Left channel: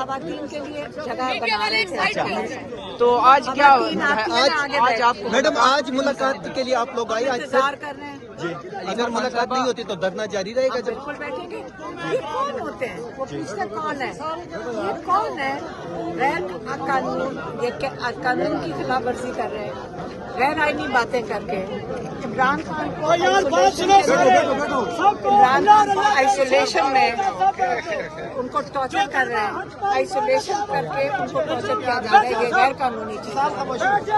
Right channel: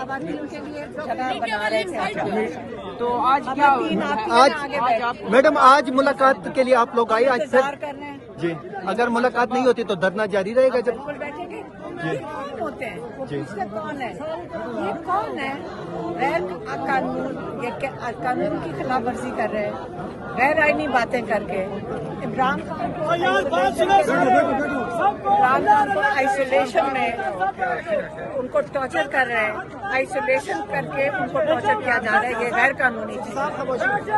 خواتین کے لیے جگہ بنا رہے تھے. تو آج کیا میڈم آج ملاقات کے لیے آپ لوگ آئے؟ انتظار کر رہے ہیں جی، اگر ملاقات نہیں ہوتی تو دھرنا جاری رہے گا. بالکل بیٹھیں گے. یہ کون ہوتے ہیں؟ وہ پوچھتے کون ہے؟ یہ کون ہے غیر قانون قانون کی خلاف ورزی کر رہے ہیں، غیر آئینی باتیں کر کے. عمران خان کو آئسولیشن میں ان کو ٹارچر کر رہے ہیں، آئسولیشن کر کے ان کو ٹارچر کیا جا رہا ہے. یہ غیر قانونی چیز ہے.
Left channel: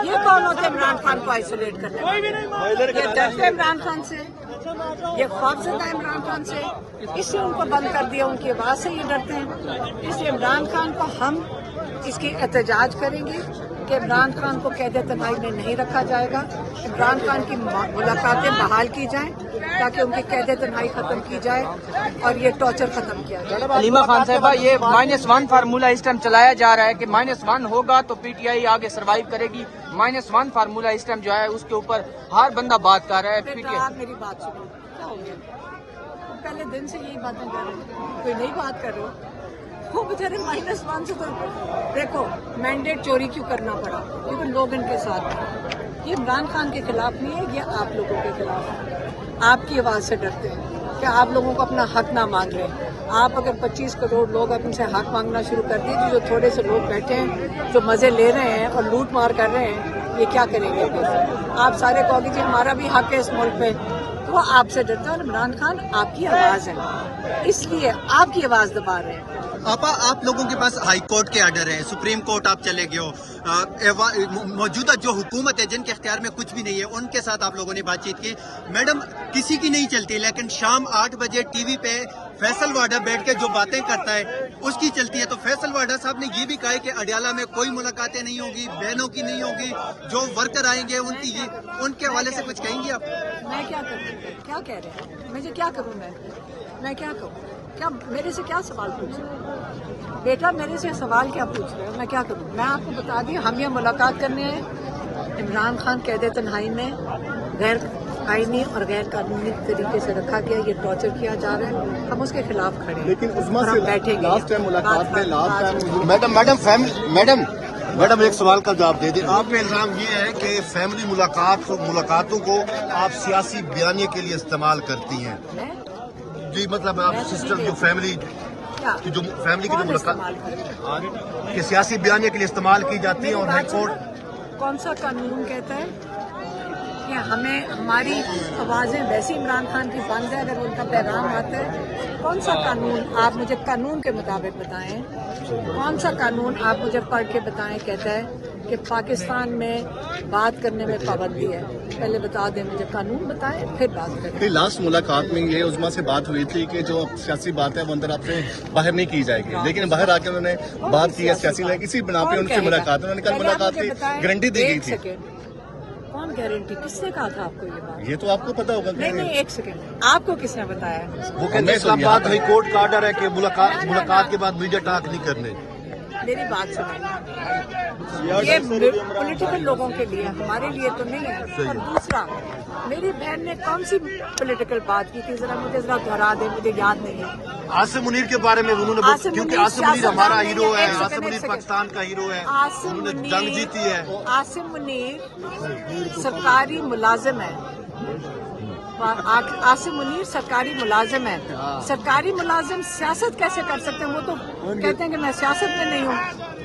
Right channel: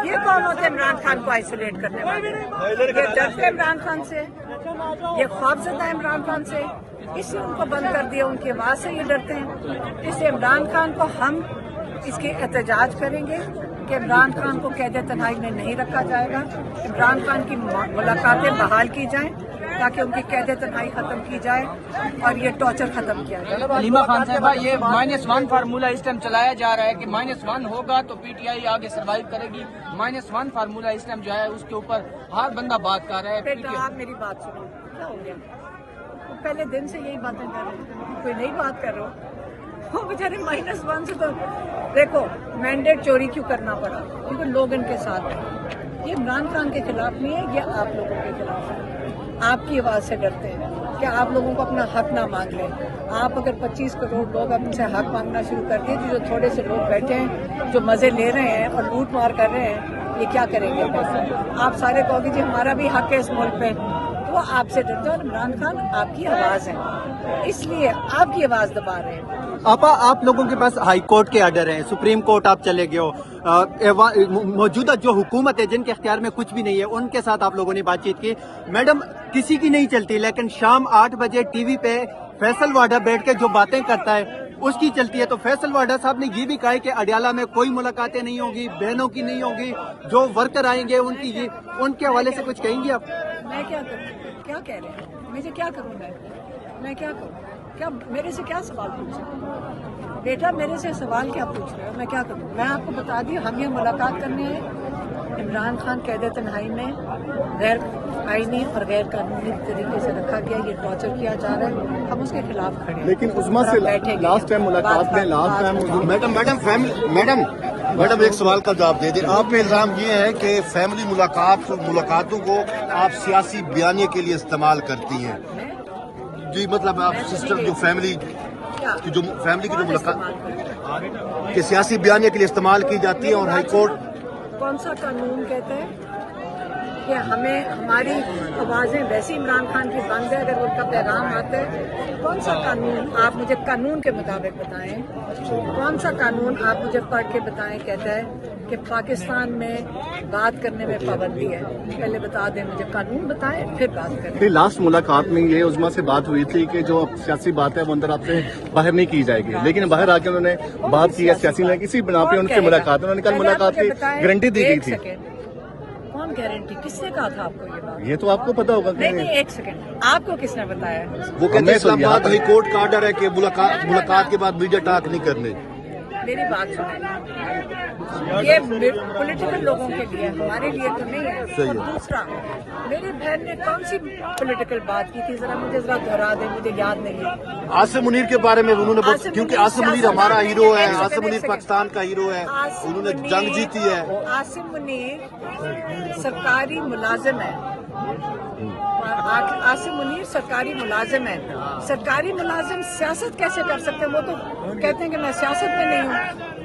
یہ کون ہوتے ہیں عمران خان کو آئسولیٹ کرنے والے؟ یہ ڈرتے عمران خان سے، یہ خوفزدہ عمران خان سے، اس سے ان کو بند کر دیا. ان کی آواز سے یہ ڈرتے ہیں. اس لیے عمران خان کو ہم اس کی احتجاج کریں گے کہ عمران خان کو قید تنہائی میں نہیں رکھا جائے گا. عمران خان کی ملاقاتیں بحال کی جائیں تاکہ ان کی قید تنہائی ختم کی جائے اور یہ ٹارچر ختم کیا جائے. حلیمہ خان صاحبہ، یہ -1 فارمولہ اس ٹائم چلایا جا رہا ہے کہ -1 ہوگا تو پی ٹی آئی آگے سروائیو کرے گی. -1 فارمولہ اس ٹائم جو ہے اس کے اوپر ہر بندہ بات کر رہا ہے. بیٹا آپ میری بات سنو، کیا ہو گیا؟ پہلے دن سے یہی باتیں کر رہے ہیں، کوئی نئی بات کر رہے ہو. وہ بیچارے -1 سے تو دیکھو مینڈیٹ چوری کیوں کرنا پڑا؟ کیونکہ لوگ ان کے ساتھ ہیں. یہ عمران خان کے خلاف نہیں ہے، یہ آپ لوگوں کے خلاف ہے. آپ کی آواز سے ڈرتے ہیں کہ آپ لوگوں کو اپنا حق نہ مانگ لیں. آپ اگر 25 کروڑ لوگ اب ان سے حق مانگنا شروع کر دیں تو جو تھوڑے سے لوگ بیٹھے ہیں جو مزے لے رہے ہیں اور لوٹ مار کر رہے ہیں، یہ کیا کریں گے پھر؟ آپ سارے کہو گے جی ہمارا بھی حق ہے اس ملک پہ. وہ آپ سے ڈرتا ہے. عمران خان آپ کی آواز ہے، اس لیے آپ کی آواز دبا رہے ہیں. آپا، آپ لوگوں کے پاس ہائی کورٹ کے آرڈر ہیں، سپریم کورٹ آپ چلے گئے ہو، موجودہ جو حکومت ہے جن کے اختیار میں کچھ بھی نہیں ہے ان کے ساتھ آپ لوگوں نے بات چیت کی. میڈم کسی کی نہیں چلتی، لیکن شام 8 بجے ٹی وی پہ فیصل واڈا بیٹھ کے جو باتیں کرتا ہے اس کی چلتی ہے. تو فیصل واڈا صاحب نے یہ بھی کہا ہے کہ اڈیالہ میں کوئی ملاقاتیں نہیں ہوگی، بہنوں کی نہیں ہوگی، جو ورکر آئیں گے ان کے حوالے سے کچھ کہیں گے آپ؟ میں کیا کروں؟ کیا کہہ رہے ہیں؟ مجھے کیا کروں؟ میں کیا کروں؟ کیا میرے سے کیا سوال پوچھیں؟ بیٹا میرے سے سوال کیا پوچھ رہے ہو؟ میں کیا کروں؟ میں آپ کو بتا دوں، ہم یہ ملاقات کرنے ہیں. عمران خان قید تنہائی میں غیر آئینی اور غیر قانونی طریقے سے رکھا گیا، یہ ٹارچر کیا جا رہا ہے. ہم اس کے خلاف کھڑے ہیں اور ہم بیٹھیں گے. میڈم ایک سوال کا جواب دے دیں. آپ کا الزام یہ ہے کہ فیملی ملاقاتوں کو آپ سیاسی بیانیے کے لیے استعمال کرتی ہیں. جی مطلب آپ سسٹر جو فیملی کی جو ملاقات کہ سیاسی بیانیے کے لیے استعمال کی جاتی ہے. اور ہائی کورٹ کون سا قانون کہتے ہیں کہ ہمیں ہماری آوازیں ویسی عمران خان کی بند ہے اگر ان کا پیغام آتا ہے؟ کون سا قانون؟ آپ مجھے قانون کے مطابق بتائیں. کون سا قانون آپ مجھے پڑھ کے بتائیں کہتا ہے کہ پاکستان میں بات کرنے میں پابندی ہے؟ پہلے بتا دیں مجھے، قانون بتائیں پھر بات کریں. لاسٹ ملاقات میں یہ عظمیٰ سے بات ہوئی تھی کہ جو سیاسی بات ہے وہ اندر آپ سے باہر نہیں کی جائے گی، لیکن باہر آ کے انہوں نے بات کی ہے سیاسی ہے کسی بنا پہ ان سے ملاقات. انہوں نے کل ملاقات کی گارنٹی دی گئی تھی. کون گارنٹی؟ کس نے کہا تھا آپ کو یہ بات؟ یہ تو آپ کو پتا ہوگا. نہیں ایک سیکنڈ، آپ کو کس نے بتایا؟ وہ کہتے ہیں اسلام آباد ہائی کورٹ کا آرڈر ہے کہ ملاقات کے بعد میڈیا ٹاک نہیں کرنے. میری بات سنیں، یہ پولیٹیکل لوگوں کے لیے، ہمارے لیے تو نہیں ہے. دوسرا، میری بہن نے کون سی پولیٹیکل بات کی تھی؟ مجھے دہرا دیں، مجھے یاد نہیں ہے. عاصم منیر کے بارے میں انہوں نے کیونکہ عاصم منیر ہمارا ہیرو ہے، عاصم منیر پاکستان کا ہیرو ہے، انہوں نے جنگ جیتی ہے. عاصم منیر سرکاری ملازم ہے. عاصم منیر سرکاری ملازم ہے. سرکاری ملازم سیاست کیسے کر سکتے ہیں؟ وہ تو کہتے ہیں کہ میں سیاست میں نہیں ہوں.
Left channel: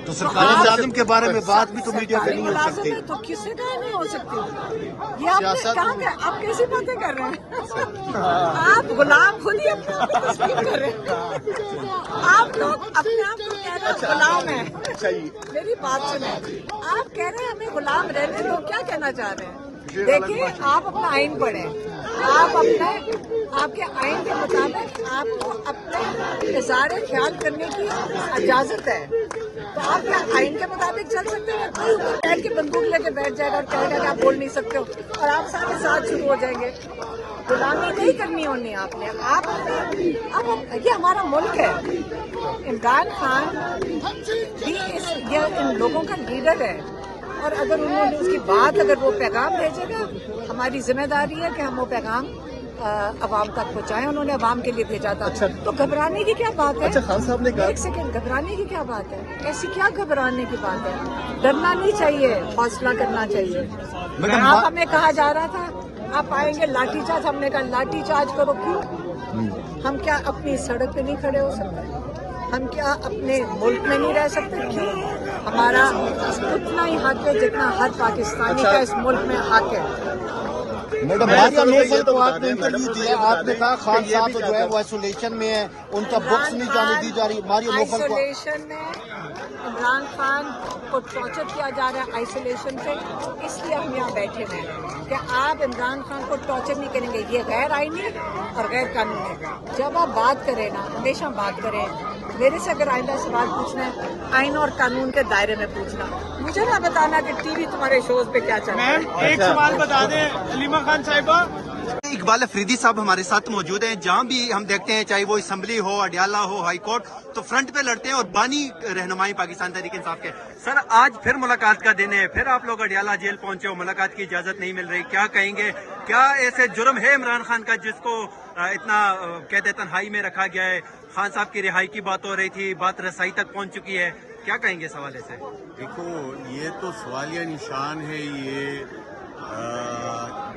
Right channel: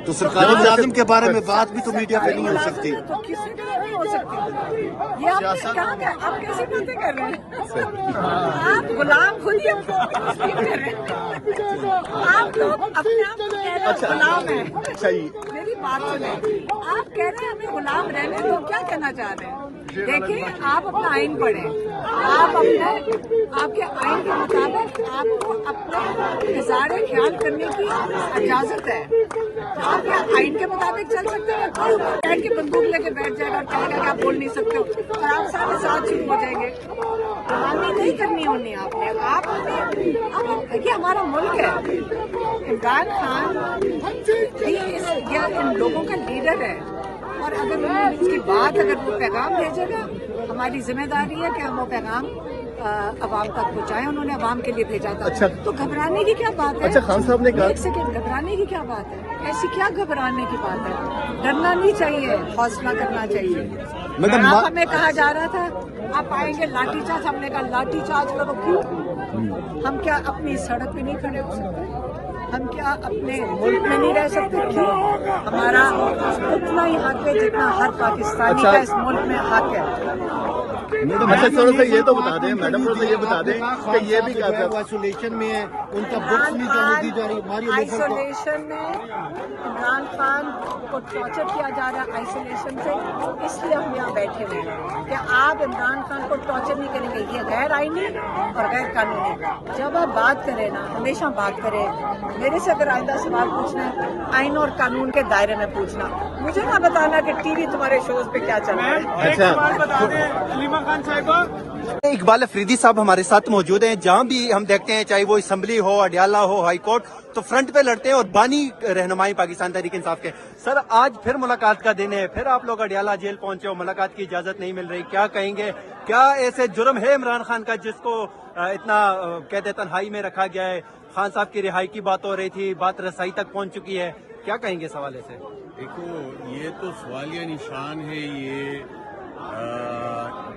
تو سرکاری ملازم کے بارے میں بات بھی تو میڈیا پہ نہیں ہو سکتی. تو کسی طرح نہیں ہو سکتی. یہ آپ کیسی باتیں کر رہے ہیں؟ آپ غلام خود ہی اپنے آپ کو تسلیم کر رہے ہیں. آپ لوگ اپنے آپ کو کہہ رہے ہیں غلام ہیں. میری بات سنیں، آپ کہہ رہے ہیں اپنے غلام رہنے کو، کیا کہنا چاہ رہے ہیں؟ دیکھیں، آپ اپنا آئین پڑھیں. آپ کے آئین کے مطابق آپ کو اپنے اظہار خیال کرنے کی اجازت ہے. تو آپ آئین کے مطابق چل سکتے ہیں. ٹائم کی بندوق لے کے بیٹھ جائے گا اور کہے گا کہ آپ بول نہیں سکتے ہو اور آپ سارے ساتھ شروع ہو جائیں گے. غلامی نہیں کرنی انہیں آپ نے. یہ ہمارا ملک ہے. عمران خان یہ ان لوگوں کا لیڈر ہے اور اگر انہوں نے اس کی بات اگر وہ پیغام بھیجے گا، ہماری ذمہ داری ہے کہ ہم وہ پیغام अवाम तक पहुँचाएं, उन्होंने अवाम के लिए भेजा था। तो घबराने की क्या बात है? खान साहब ने कहा, एक सेकंड, घबराने की क्या बात है? ऐसी क्या घबराने की बात है? डरना नहीं चाहिए, हौसला करना चाहिए। मैडम, यहाँ हमें कहा जा रहा था आप आएंगे लाठीचार्ज, हमने कहा लाठीचार्ज करो, क्यों? हम क्या अपनी सड़क पे नहीं खड़े हो सकते? हम क्या अपने मुल्क में नहीं रह सकते? क्यों? हमारा उतना ही हक है जितना हर पाकिस्तानी का इस मुल्क में हक है। मैडम, तो आपने इंटरव्यू दिया, आपने कहा खान साहब जो है वो आइसोलेशन में है, उनका बुक्स नहीं जाने दी जा रही। हमारी लोकल को आइसोलेशन में इमरान खान को टॉर्चर किया जा रहा है आइसोलेशन से, इसलिए हम यहाँ बैठे हुए हैं कि आप इमरान खान को टॉर्चर नहीं करेंगे। ये गैर आईनी और गैर कानूनी। जब आप बात करें ना, हमेशा बात करें, मेरे से अगर आइंदा सवाल पूछना है आइन और कानून के दायरे में पूछना, मुझे ना बताना कि टीवी तुम्हारे शोज पे क्या चल रहा है। इकबाल अफरीदी साहब हमारे साथ मौजूद हैं। जहां भी हम देखते हैं, चाहे वो असम्बली हो, अडियाला हो, हाई कोर्ट, तो फ्रंट पे लड़ते हैं और बानी रहनुमाई पाकिस्तान तहरीक इंसाफ के। सर, आज फिर मुलाकात का दिन है, फिर आप लोग अडियाला जेल पहुंचे हो, मुलाकात की इजाजत नहीं मिल रही, क्या कहेंगे? क्या ऐसे जुर्म है इमरान खान का जिसको इतना कहते तन्हाई में रखा गया है? खान साहब की रिहाई की बात हो रही थी, बात रसाई तक पहुंच चुकी है, क्या कहेंगे इस हवाले से? देखो, ये तो सवालिया निशान है। ये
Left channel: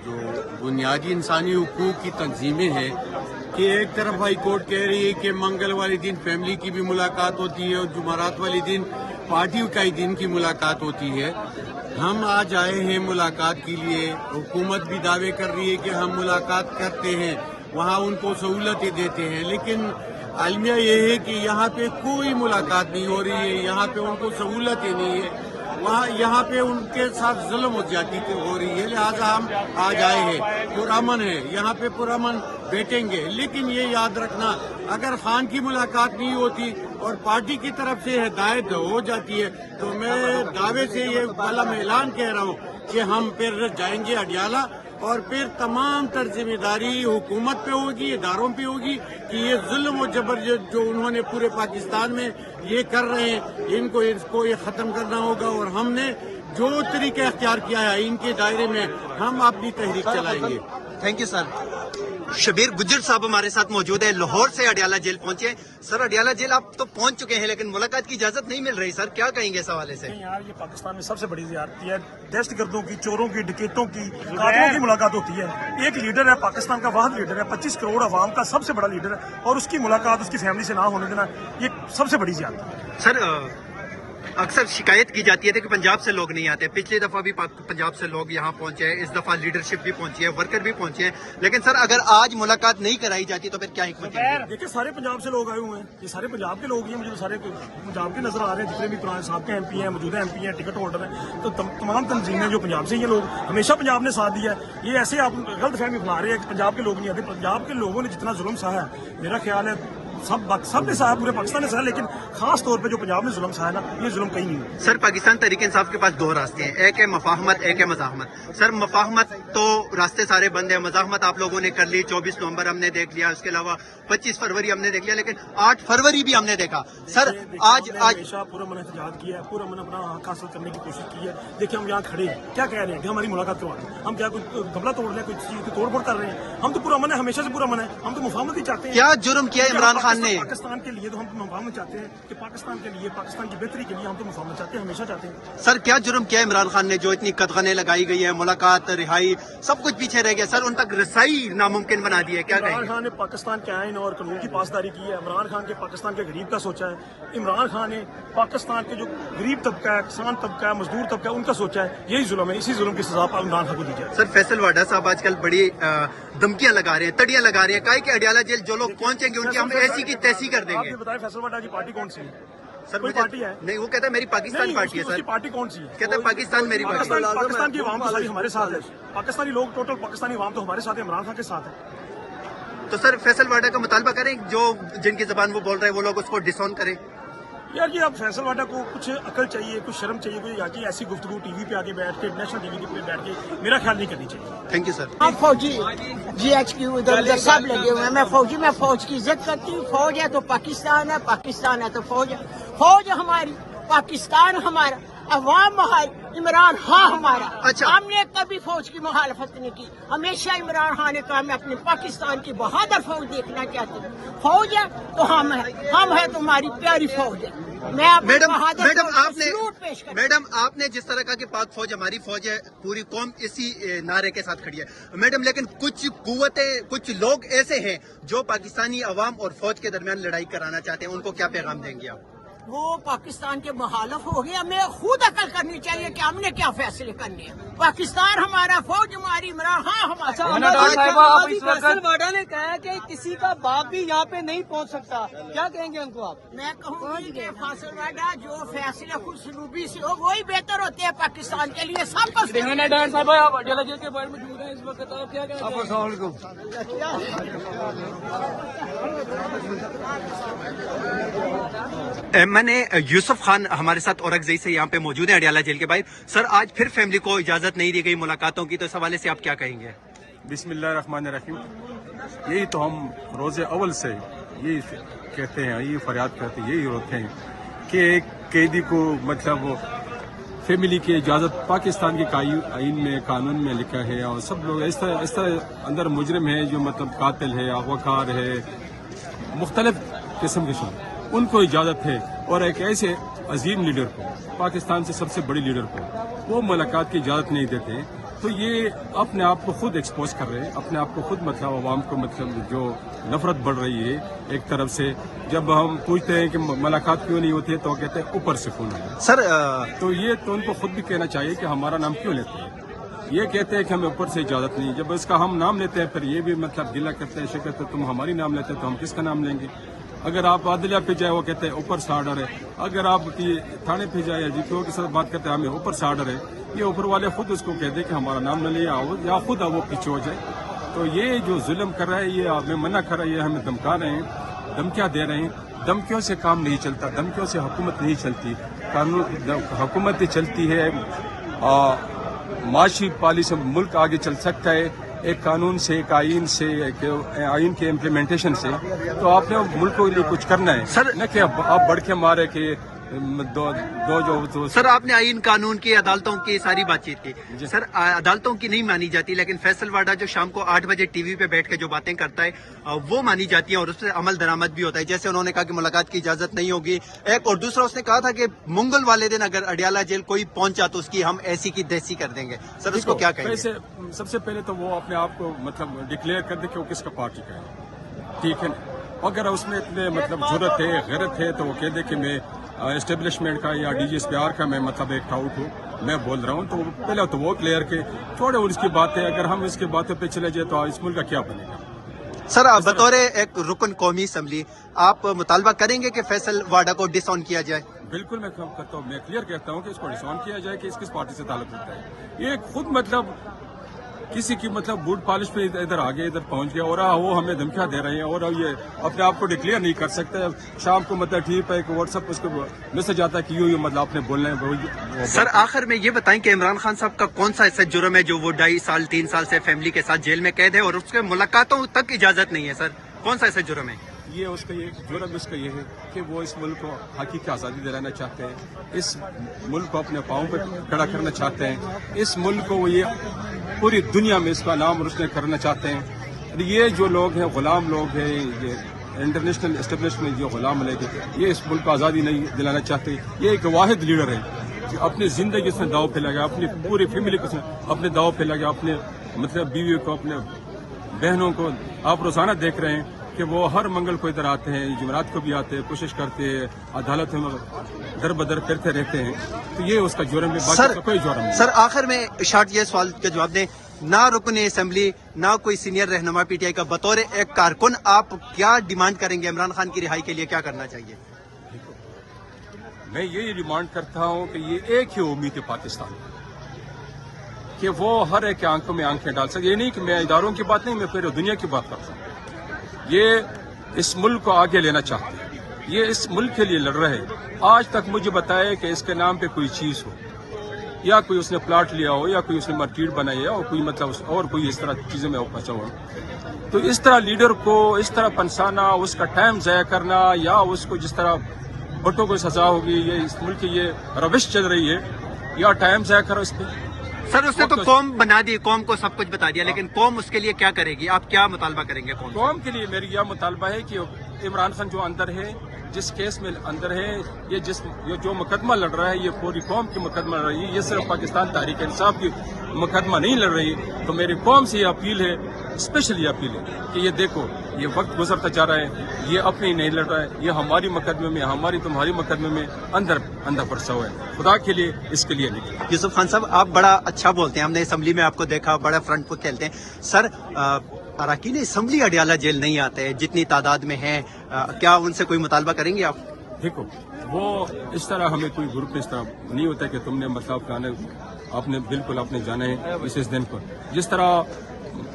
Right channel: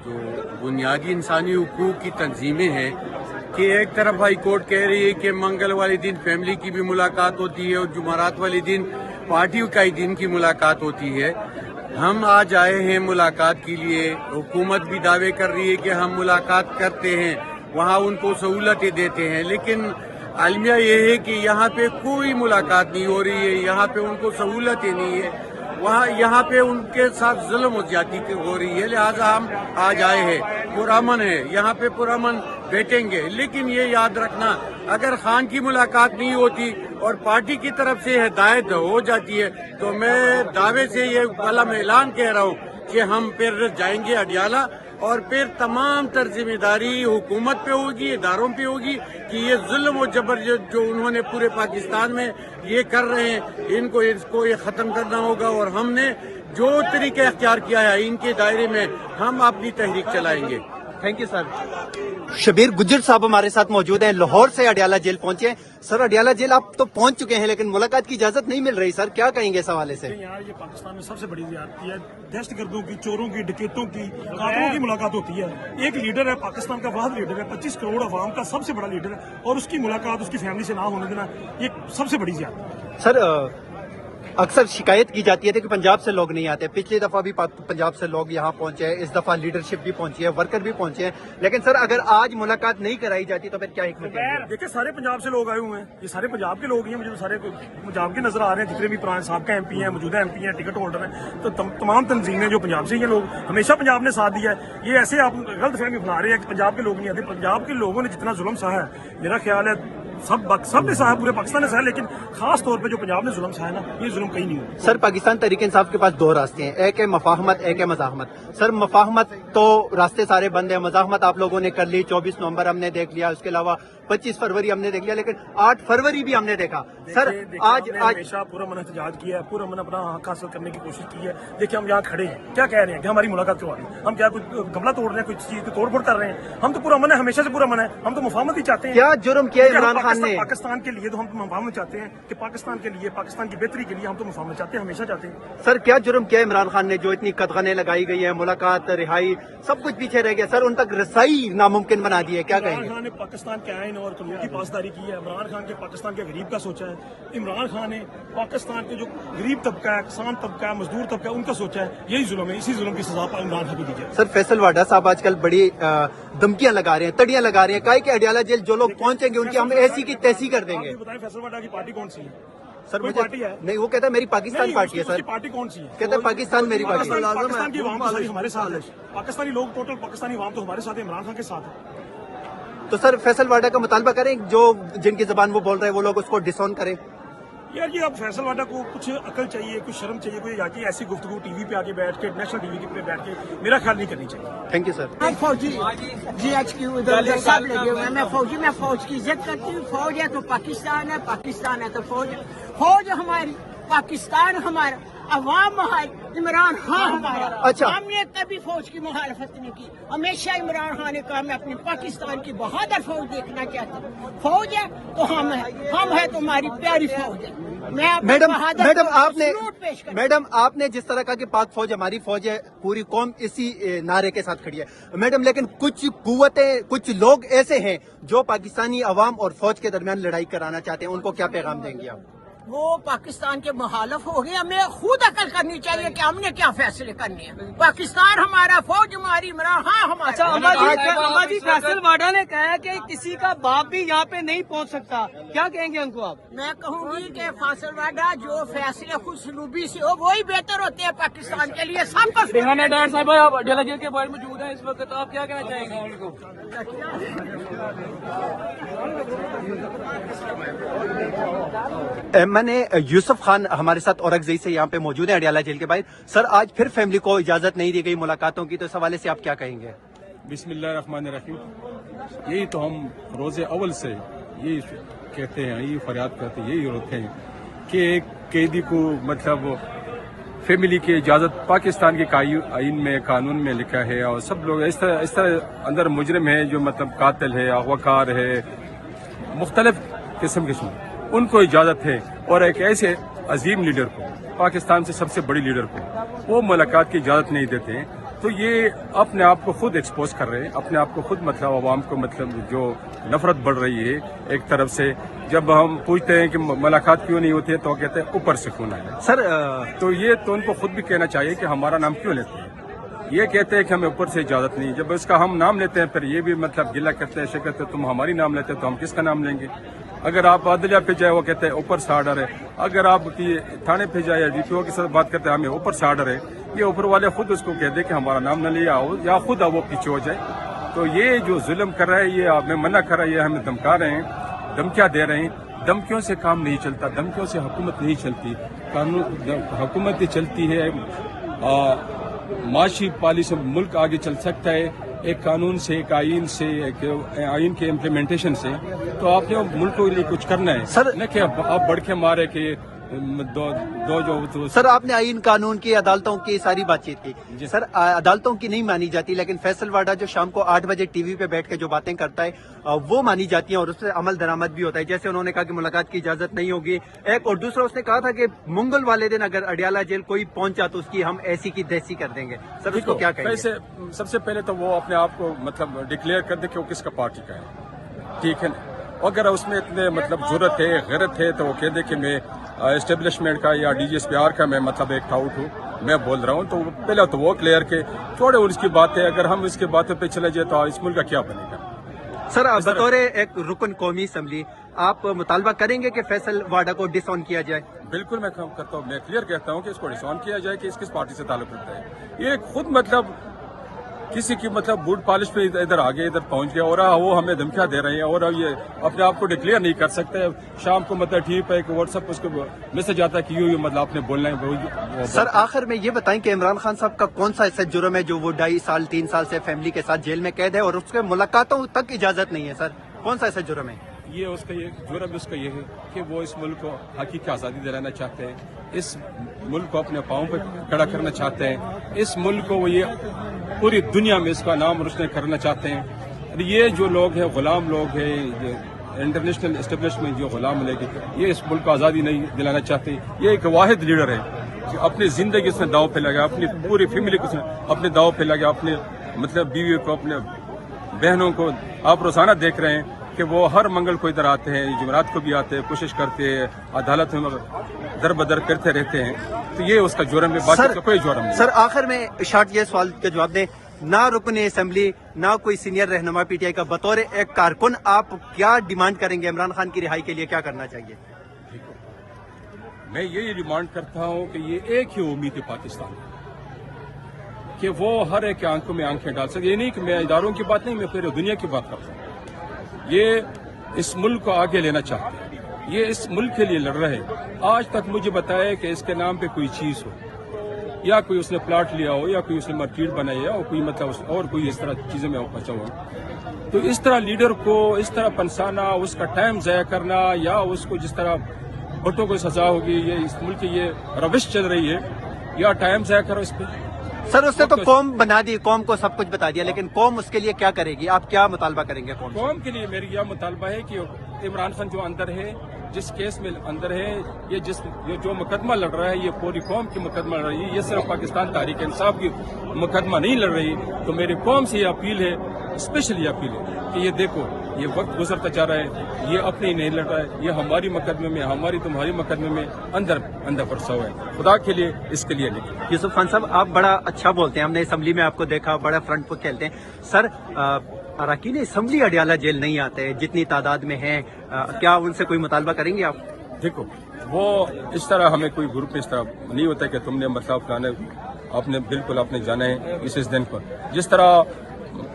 जो बुनियादी इंसानी हुकूक की तंजीमें हैं कि एक तरफ हाई कोर्ट कह रही है कि मंगल वाले दिन फैमिली की भी मुलाकात होती है और जुमेरात वाले दिन पार्टी कायदीन की मुलाकात होती है। हम आज आए हैं मुलाकात के लिए। हुकूमत भी दावे कर रही है कि हम मुलाकात करते हैं, वहाँ उनको सहूलतें देते हैं, लेकिन आलमिया ये है कि यहाँ पे कोई मुलाकात नहीं हो रही है, यहाँ पे उनको सहूलतें नहीं है, यहाँ पे उनके साथ जुल्म हो जाती हो रही है। लिहाजा हम आज आए हैं, पुरअमन है, यहाँ पे पुरअमन बैठेंगे। लेकिन ये याद रखना, अगर खान की मुलाकात नहीं होती और पार्टी की तरफ से हिदायत हो जाती है तो मैं दावे से ये वाला ऐलान कह रहा हूँ कि हम फिर जाएंगे अडियाला और फिर तमाम तर जिम्मेदारी हुकूमत पे होगी, इदारों पे होगी कि ये जुल्म और जबर जो उन्होंने पूरे पाकिस्तान में ये कर रहे हैं, इसको ये खत्म करना होगा। और हमने जो तरीका इख्तियार किया है इनके दायरे में हम अपनी तहरीक चलाएंगे। Thank you sir. Shabbir Gujjar साहब हमारे साथ मौजूद हैं, लाहौर से अडियाला जेल पहुंचे। सर, अडियाला जेल आप तो पहुंच चुके हैं, लेकिन मुलाकात की इजाजत नहीं मिल रही। सर, क्या कहेंगे इस हवाले से? यार, ये पाकिस्तान में सबसे बड़ी ज्यादती है। दहशतगर्दों की, चोरों की, डकैतों की, कातिलों की मुलाकात होती है। एक लीडर है, पाकिस्तान का वाहिद लीडर है, 25 करोड़ अवाम का सबसे बड़ा लीडर है, और उसकी मुलाकात उसकी फैमिली से ना होने देना, ये सबसे बड़ी ज्यादती है। सर, अक्सर शिकायत की जाती है कि पंजाब से लोग नहीं आते। पिछली दफा भी पंजाब से लोग यहाँ पहुंचे हैं, इस दफा लीडरशिप भी पहुंची है, वर्कर भी पहुंचे हैं, लेकिन सर अगर आज मुलाकात नहीं कराई जाती तो फिर क्या हिकमत है? देखिए, सारे पंजाब से लोग आए हुए हैं, ये सारे पंजाब के लोग ही हैं, मुझे तो सारे पंजाब के नजर आ रहे हैं। जितने भी पुराने साहब के MP हैं, मौजूदा MP हैं, टिकट होल्डर हैं, तो तमाम तंजीमें जो पंजाब से ही लोग, हमेशा पंजाब ने साथ दिया है। ये ऐसे आप गलत फहमी फैला रहे हैं कि पंजाब के लोग नहीं आते। पंजाब के लोगों ने जितना जुल्म सहा है, मेरा ख्याल है सब ने सहा, पूरे पाकिस्तान ने सहा, लेकिन खास तौर पे जो पंजाब ने जुल्म सहा है ना, ये जुल्म कहीं नहीं हुआ। सर, पाकिस्तान तहरीक इंसाफ के पास दो रास्ते हैं, एक है मफाहमत, एक है मज़ाहमत। सर, मफाहमत तो रास्ते सारे बंद है, मज़ाहमत आप लोगों ने कर ली, 24 नवंबर हमने देख लिया, उसके अलावा 25 फरवरी हमने देख लिया, लेकिन 8 फरवरी भी हमने देखा। सर, आज हमेशा पूरा मन एहतजाज किया है, पूरा मन अपना हक हासिल करने की कोशिश की है। देखिए, हम यहाँ खड़े हैं, क्या कह रहे हैं कि हमारी मुलाकात करवा दें? हम क्या कोई गमला तोड़ रहे हैं, कोई चीज की तोड़ फोड़ कर रहे हैं? हम तो पूरा मन है, हमेशा से पूरा मन है, हम तो मुफाहमत ही चाहते हैं। क्या जुर्म किया इमरान खान ने? पाकिस्तान के लिए तो हम मुफाहमत चाहते हैं कि पाकिस्तान के लिए, पाकिस्तान की बेहतरी के लिए हम तो मुफाहमत चाहते हैं, हमेशा चाहते हैं। सर, क्या जुर्म किया इमरान खान ने जो इतनी कदगने लगाई गई है, मुलाकात, रिहाई, सब कुछ पीछे रह गया? सर, उन तक रसाई नामुमकिन बना दी है, क्या इमरान कहेंगे? खान ने पाकिस्तान के आइन और कानून की पासदारी की है। इमरान खान के पाकिस्तान के गरीब का सोचा है। इमरान खान ने पाकिस्तान के जो गरीब तबका है, किसान तबका है, मजदूर तबका है, उनका सोचा है। यही जुल्म है, इसी जुल्म की सजा इमरान खान को दी जाए। सर, फैसल वाडा साहब आजकल बड़ी धमकियां लगा रहे हैं, तड़ियां लगा रहे हैं, काहे कि अडियाला जेल जो लोग पहुंचेंगे उनकी हम ऐसी की तैसी कर देंगे। आप बताएं, फैसल वाडा की पार्टी कौन सी है? सर, कोई पार्टी है? नहीं, वो कहता है मेरी पाकिस्तान पार्टी है। सर, पार्टी कौन सी है? कहता है पाकिस्तान मेरी पार्टी है। पाकिस्तान की आवाम तो सारी हमारे साथ है, पाकिस्तानी लोग, टोटल पाकिस्तानी आवाम तो हमारे साथ है, इमरान खान के साथ है। तो सर, फैसल वाडा का मुतालबा करें, जो जिनकी जबान वो बोल रहे हैं वो लोग उसको डिसऑन करें। यार, ये अब फैसल वाडा को कुछ अकल चाहिए, कुछ शर्म चाहिए, कोई आके ऐसी गुफ्तगू टीवी पे आके बैठ के, नेशनल टीवी पे बैठ के मेरा ख्याल नहीं करनी चाहिए। Thank you sir. फौजी GHQ उधर सब लगे हुए हैं। मैं फौज की इज्जत करती हूँ। फौज है तो पाकिस्तान है, पाकिस्तान है तो फौज है। फौज हमारी, पाकिस्तान हमारा, अवाम हमारी। इमरान हाँ हमारा। अच्छा। हमने कभी फौज की मुखालफत नहीं की, हमेशा इमरान खान ने कहा मैं अपने पाकिस्तान की बहादुर फौज देखना चाहती हूँ। फौज है तो हम है तो हमारी प्यारी फौज है। मैं अपनी मैडम बहादुर मैडम फौज को आपने सलूट पेश करती हूँ। मैडम आपने जिस तरह का कि पाक फौज हमारी फौज है, पूरी कौम इसी नारे के साथ खड़ी है मैडम, लेकिन कुछ कुव्वतें, कुछ लोग ऐसे हैं जो पाकिस्तानी अवाम और फौज के दरमियान लड़ाई कराना चाहते हैं, उनको क्या पैगाम देंगे आप? वो पाकिस्तान के मुखालफ हो गए, हमें खुद अकल करनी चाहिए कि हमने क्या फैसले करने हैं। पाकिस्तान हमारा, फौज हमारी, इमरान हाँ हमारा। फैसल वाडा ने कहा है कि किसी का बाप भी यहाँ पे नहीं पहुँच सकता, क्या कहेंगे उनको? मैं कहूँगी कि फासिल वाडा जो फैसले खुद सलूबी से हो वही बेहतर होते हैं पाकिस्तान के लिए। सब कुछ डेरा जेल के बारे में मौजूद है इस वक्त, आप क्या कहना चाहेंगे? मैंने यूसुफ खान हमारे साथ औरंगजेब से यहाँ पे मौजूद है, अडियाला जेल के बाहर। सर, आज फिर फैमिली को इजाजत नहीं दी गई मुलाकातों की, तो इस हवाले से आप क्या कहेंगे? बिस्मिल्लाहिर्रहमानिर्रहीम। यही तो हम रोज़े अव्वल से यही कहते हैं, यही फरियाद करते हैं, यही रोते हैं कि एक कैदी को मतलब फैमिली की इजाज़त पाकिस्तान के आइन में, कानून में लिखा है, और सब लोग इस तरह अंदर मुजरिम है जो मतलब कातिल है, अगवाकार है, मुख्तलिफ किस्म उनको इजाज़त है। और एक ऐसे अजीम लीडर को, पाकिस्तान से सबसे बड़ी लीडर को वो मुलाकात की इजाज़त नहीं देते हैं, तो ये अपने आप को खुद एक्सपोज कर रहे हैं, अपने आप को खुद मतलब आवाम को मतलब जो नफरत बढ़ रही है एक तरफ से। जब हम पूछते हैं कि मुलाकात क्यों नहीं होती है तो कहते हैं ऊपर से फोन आया। सर तो ये तो उनको खुद भी कहना चाहिए कि हमारा नाम क्यों लेते हैं। ये कहते हैं कि हमें ऊपर से इजाज़त नहीं, जब इसका हम नाम लेते हैं फिर ये भी मतलब गिला करते हैं, ऐसे कहते हैं तुम हमारी नाम लेते हैं तो हम किसका नाम लेंगे। अगर आप अदलिया पे जाए वो कहते हैं ऊपर से आर्डर है, अगर आप थाने पे जाए या DPO के साथ बात करते हैं हमें ऊपर से आर्डर है। ये ऊपर वाले खुद उसको कह दे कि हमारा नाम न लिया हो या खुद वो पीछे हो जाए। तो ये जो जुल्म कर रहा है, ये हमें मना कर रहा है, ये हमें धमका रहे हैं, धमकियाँ दे रहे हैं। धमकियों से काम नहीं चलता, धमकियों से हुकूमत नहीं चलती, कानून हुकूमत चलती है। माशी पॉलिसी से मुल्क आगे चल सकता है एक कानून से, एक आइन से, एक आइन के इम्प्लीमेंटेशन से। तो आपने मुल्क को लिए कुछ करना है सर, न कि आप बढ़ के मारे कि दो सर आपने आइन कानून की, अदालतों की सारी बातचीत की। सर अदालतों की नहीं मानी जाती, लेकिन फैसल वाडा जो शाम को 8 बजे टीवी पे बैठ के जो बातें करता है वो मानी जाती है और उससे अमल दरामद भी होता है। जैसे उन्होंने कहा कि मुलाकात की इजाजत नहीं होगी, एक, और दूसरा उसने कहा था कि मंगल वाले दिन अगर अडियाला जेल कोई पहुंचा तो उसकी हम ऐसी की तैसी कर देंगे। सर उसको क्या कहेंगे? सबसे पहले तो वो अपने आप को मतलब डिक्लेयर कर दे कि वो किसका पार्टी का है, ठीक है ना। अगर उसमें इतने मतलब जरूरत है, गैरत है, तो वो कह दे कि मैं एस्टेब्लिशमेंट का या DGSPR का मैं मतलब एक टाउट हूँ, मैं बोल रहा हूँ। तो पहले तो वो क्लियर के छोड़े उसकी बातें। अगर हम इसकी बातों पे चले जाए तो इस मुल्क का क्या बनेगा। सर बतौर एक रुकन कौमी असम्बली आप मुतालबा करेंगे कि फैसल वाडा को डिसऑन किया जाए? बिल्कुल मैं करता हूँ, मैं क्लियर कहता हूँ कि इसको डिसऑन किया जाए कि किस पार्टी से ताल्लुक रखता है। ये खुद मतलब किसी की मतलब बूट पॉलिश पे इधर आगे इधर पहुंच गया और वो हमें धमकियां दे रहे हैं और अब ये अपने आप को डिक्लेयर नहीं कर सकते। शाम को मतलब ठीक है कि व्हाट्सएप उसको मैसेज आता है कि यूं मतलब आपने बोलना है। सर आखिर में ये बताएं कि इमरान खान साहब का कौन सा ऐसा जुर्म है जो वो 2.5 साल 3 साल से फैमिली के साथ जेल में कैद है और उसके मुलाकातों तक इजाजत नहीं है? सर कौन सा ऐसा जुर्म है? ये उसका ये जुर्म उसका ये है कि वो इस मुल्क को हकीकी आज़ादी दिलाना चाहते हैं, इस मुल्क को अपने पाँव पर खड़ा करना चाहते हैं, इस मुल्क को वो ये पूरी दुनिया में इसका नाम रोशन करना चाहते हैं। ये जो लोग हैं गुलाम लोग हैं, ये इंटरनेशनल एस्टेब्लिशमेंट जो गुलाम लोग हैं, ये इस मुल्क को आज़ादी नहीं दिलाना चाहते। ये एक वाहिद लीडर है कि अपनी ज़िंदगी उसने दाव पे लगा, अपनी पूरी फैमिली को अपने दाव पे लगा, अपने मतलब बीवी को, अपने बहनों को। आप रोज़ाना देख रहे हैं कि वो हर मंगल को इधर आते हैं, जुमेरात को भी आते हैं, कोशिश करते हैं, अदालत में दर बदर करते रहते हैं। तो ये उसका जुर्म है, बाकी कोई जुर्म नहीं। सर आखिर में शॉर्ट ये सवाल का जवाब दें, ना रुकन असेंबली ना कोई सीनियर रहनुमा PTI का, बतौर एक कारकुन आप क्या डिमांड करेंगे? इमरान खान की रिहाई के लिए क्या करना चाहिए? मैं यही डिमांड करता हूँ कि ये एक ही उम्मीद है पाकिस्तान कि वो हर एक आंखों में आंखें डाल सके। ये नहीं कि मैं इदारों की बात नहीं, मैं पूरी दुनिया की बात करता हूँ। ये इस मुल्क को आगे लेना चाहते हैं, ये इस मुल्क के लिए लड़ रहे हैं। आज तक मुझे बताया कि इसके नाम पे कोई चीज़ हो, या कोई उसने प्लाट लिया हो, या कोई उसने मस्जिद बनाई हो, कोई मतलब और कोई इस तरह चीज़ों में फंसा हुआ। तो इस तरह लीडर को इस तरह पंसाना, उसका टाइम ज़ाया करना, या उसको जिस तरह भुट्टो को सजा होगी, ये इस मुल्क की ये रविश चल रही है, या टाइम ज़ाया करो इस पे। सर उसने तो कौम बना दी, कौम को सब कुछ बता दिया, लेकिन कौम उसके लिए क्या करेगी? आप क्या मुतालबा करेंगे कौम? कौम के लिए मेरी यह मुतालबा है कि इमरान खान जो अंदर है, जिस केस में अंदर है, ये जो मुकदमा लड़ रहा है, ये पूरी कौम की मुकदमा लड़ रही है, ये सिर्फ पाकिस्तान तहरीक इंसाफ की मुकदमा नहीं लड़ रही। तो मेरी कौम से ये अपील है, स्पेशली अपील है कि ये देखो, ये वक्त गुजरता जा रहा है, ये अपनी नहीं लड़ रहा है, ये हमारी मुकदमे में, हमारी तुम्हारी मुकदमे में अंदर फंसा हुआ है। खुदा के लिए इसके लिए निकले। यूसुफ खान साहब, आप बड़ा अच्छा बोलते हैं, हमने असम्बली में आपको देखा, बड़ा फ्रंट पर खेलते हैं। सर अरकान असम्बली अडियाला जेल नहीं आते, जितनी तादाद में हैं, क्या उनसे कोई मुतालबा करेंगे आप? देखो, वो इस तरह हमें कोई ग्रुप में इस तरह नहीं होता कि तुमने मतलब फलाने, आपने बिल्कुल आपने जाना है इस दिन पर, जिस तरह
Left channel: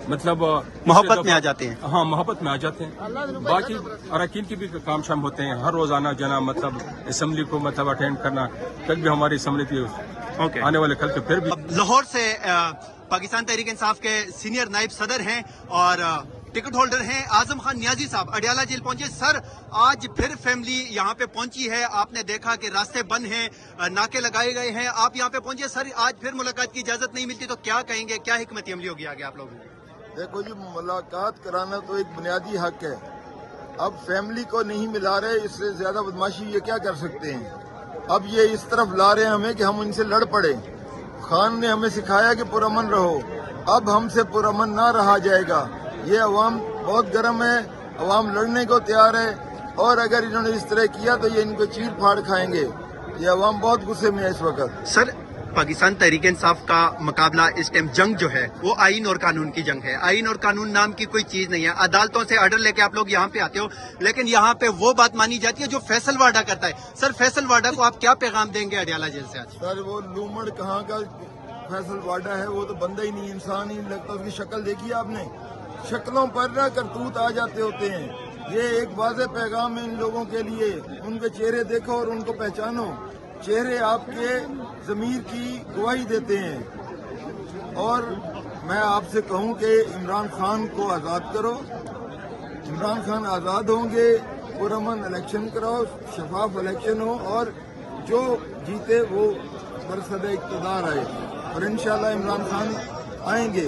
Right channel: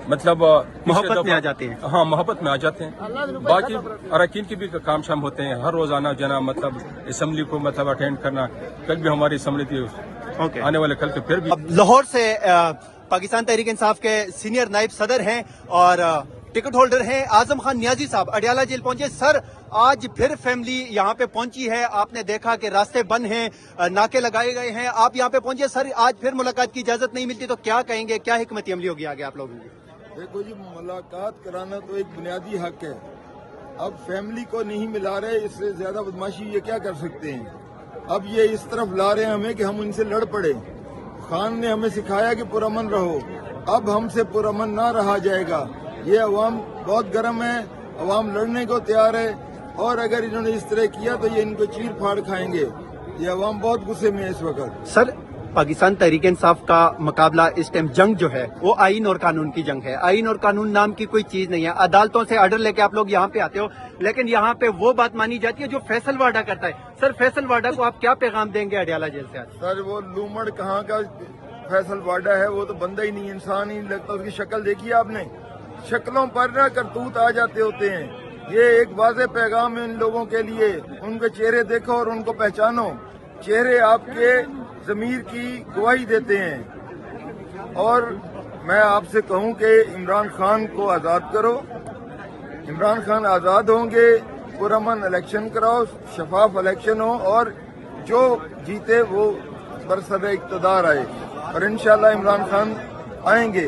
मतलब मोहब्बत में आ जाते हैं। हाँ, मोहब्बत में आ जाते हैं। बाकी अरकान की भी काम शाम होते हैं, हर रोज आना जाना, मतलब असम्बली को मतलब अटेंड करना। कल भी हमारी असम्बली थी, आने वाले कल के फिर भी। लाहौर से पाकिस्तान तहरीक इंसाफ के सीनियर नायब सदर हैं और टिकट होल्डर हैं आजम खान नियाजी साहब अडियाला जेल पहुंचे। सर, आज फिर फैमिली यहाँ पे पहुंची है, आपने देखा कि रास्ते बंद हैं, नाके लगाए गए हैं, आप यहाँ पे पहुंचे। सर, आज फिर मुलाकात की इजाजत नहीं मिलती तो क्या कहेंगे, क्या हिकमत अमली होगी आगे आप लोगों की? देखो जी, मुलाकात कराना तो एक बुनियादी हक है। अब फैमिली को नहीं मिला रहे, इससे ज्यादा बदमाशी ये क्या कर सकते हैं। अब ये इस तरफ ला रहे हैं हमें कि हम उनसे लड़ पड़े। खान ने हमें सिखाया कि पुरअमन रहो, अब हमसे पुरअमन ना रहा जाएगा। ये अवाम बहुत गर्म है, अवाम लड़ने को तैयार है, और अगर इन्होंने इस तरह किया तो ये इनको चीर फाड़ खाएंगे। ये अवाम बहुत गुस्से में है इस वक्त। सर, पाकिस्तान तहरीक इंसाफ का मुकाबला इस टाइम जंग जो है वो आइन और कानून की जंग है। आइन और कानून नाम की कोई चीज नहीं है। अदालतों से आर्डर लेके आप लोग यहाँ पे आते हो, लेकिन यहाँ पे वो बात मानी जाती है जो फैसल वाडा करता है। सर, फैसल वाडा को आप क्या पैगाम देंगे अडियाला जेल से आज? सर, वो लूमड़ कहाँ का फैसल वाडा है, वो तो बंदा ही नहीं, इंसान ही लगता। उसकी शक्ल देखी आपने? शक्लों पर ना करतूत आ जाते होते हैं। ये एक वाज़ेह पैगाम है इन लोगों के लिए। उनके चेहरे देखो और उनको पहचानो। चेहरे आपके ज़मीर की गवाही देते हैं। और मैं आपसे कहूं कि इमरान खान को आज़ाद करो। इमरान खान आज़ाद होंगे, पुरअमन इलेक्शन कराओ, शफाफ इलेक्शन हो, और जो जीते वो बरसद इक़्तिदार आए। और इंशाल्लाह इमरान खान आएंगे,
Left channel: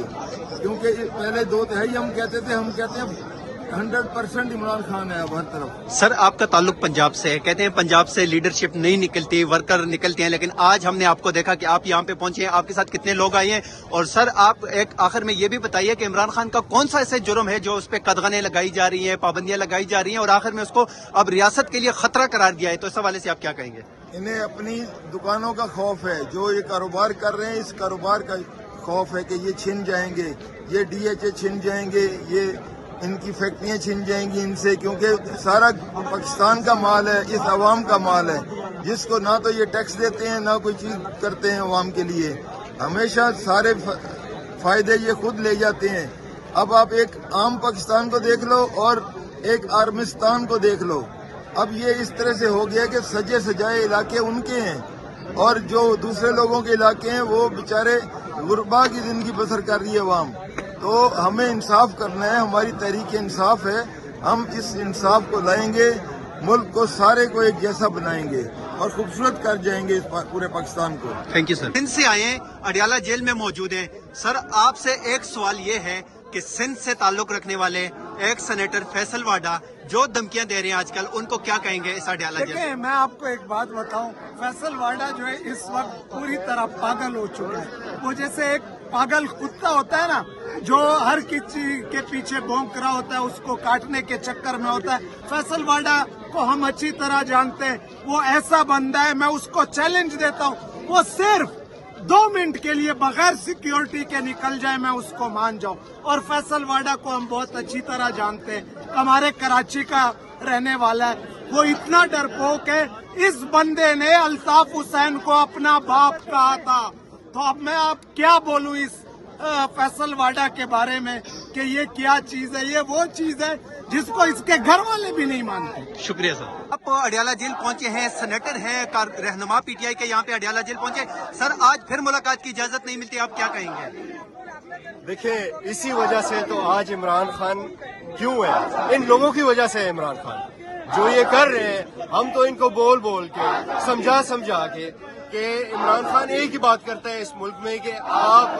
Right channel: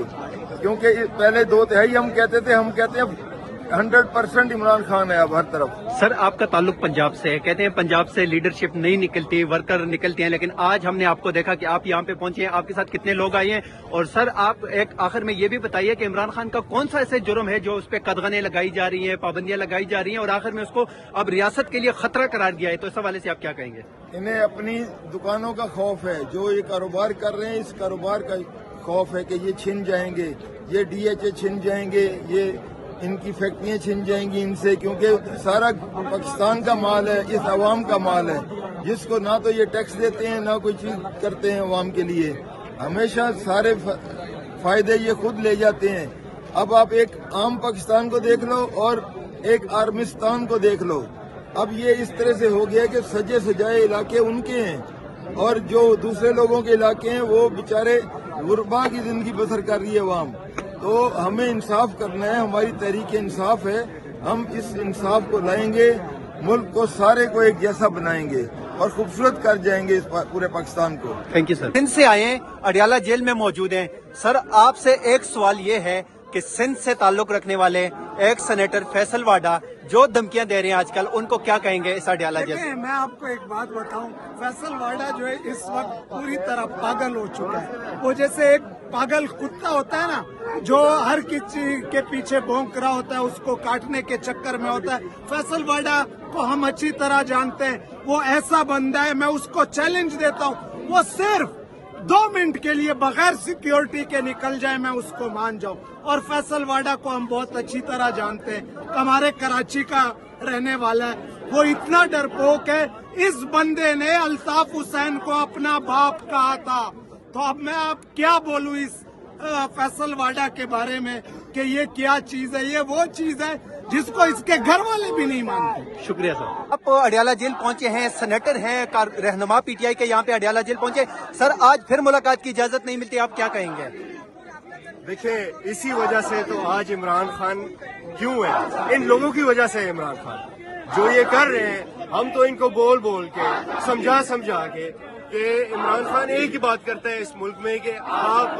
क्योंकि पहले 2 तिहाई हम कहते हैं 100% इमरान खान है अब हर तरफ। सर, आपका ताल्लुक पंजाब से है, कहते हैं पंजाब से लीडरशिप नहीं निकलती, वर्कर निकलते हैं, लेकिन आज हमने आपको देखा कि आप यहाँ पे पहुंचे हैं, आपके साथ कितने लोग आए हैं। और सर, आप एक आखिर में ये भी बताइए कि इमरान खान का कौन सा ऐसे जुर्म है जो उस पर कदगने लगाई जा रही हैं, पाबंदियां लगाई जा रही हैं, और आखिर में उसको अब रियासत के लिए खतरा करार दिया है? तो इस हवाले से आप क्या कहेंगे? इन्हें अपनी दुकानों का खौफ है, जो ये कारोबार कर रहे हैं, इस कारोबार का खौफ है कि ये छिन जाएंगे, ये DHA छिन जाएंगे, ये इनकी फैक्ट्रियां छिन जाएंगी इनसे, क्योंकि सारा पाकिस्तान का माल है, इस अवाम का माल है, जिसको ना तो ये टैक्स देते हैं, ना कोई चीज करते हैं अवाम के लिए। हमेशा सारे फायदे ये खुद ले जाते हैं। अब आप एक आम पाकिस्तान को देख लो और एक आर्मिस्तान को देख लो। अब ये इस तरह से हो गया कि सजे सजाए इलाके उनके हैं, और जो दूसरे लोगों के इलाके हैं वो बेचारे गुरबा की जिंदगी बसर कर रही है अवाम। तो हमें इंसाफ करना है, हमारी तहरीक इंसाफ है। हम इस इंसाफ को लाएंगे, मुल्क को सारे को एक जैसा बनाएंगे और खूबसूरत कर जाएंगे इस पूरे पाकिस्तान को। Thank you sir. सिंध से आए हैं, अडियाला जेल में मौजूद हैं। सर, आपसे एक सवाल ये है कि सिंध से ताल्लुक रखने वाले एक सेनेटर फैसल वाडा जो धमकियां दे रहे हैं आजकल, उनको क्या कहेंगे इस अडियाला जेल? मैं आपको एक बात बताऊं, फैसल वाडा जो है इस वक्त पूरी तरह पागल हो चुका है। वो जैसे एक पागल कुत्ता होता है ना, जो हर किसी के पीछे भौंक रहा होता है, उसको काटने के चक्कर में होता है। फैसल वाडा को हम अच्छी तरह जानते हैं, वो ऐसा बंदा है, मैं उसको चैलेंज देता हूँ, वो सिर्फ 2 मिनट के लिए बगैर सिक्योरिटी के निकल जाए, मैं उसको मान जाऊं। और फैसल वाडा को हम बहुत अच्छी तरह जानते हैं, हमारे कराची का रहने वाला है, वो इतना डरपोक है। इस बंदे ने अल्ताफ हुसैन को अपना बाप कहा था। तो अब मैं आप क्या बोलूं इस फैसल वाडा के बारे में कि ये क्या चीज है? ये वो चीज है जिसको इसके घर वाले भी नहीं मानते। शुक्रिया सर। आप अडियाला जेल पहुंचे हैं, सेनेटर हैं, रहनुमा PTI के यहाँ पे अडियाला जेल पहुंचे। सर, आज फिर मुलाकात की इजाजत नहीं मिलती, आप क्या कहेंगे? देखिए, इसी वजह से तो आज इमरान खान क्यों है, इन लोगों की वजह से है इमरान खान जो ये कर रहे हैं। हम तो इनको बोल बोल के समझा के کہ عمران خان ایک ہی بات کرتا ہے اس ملک میں کہ آپ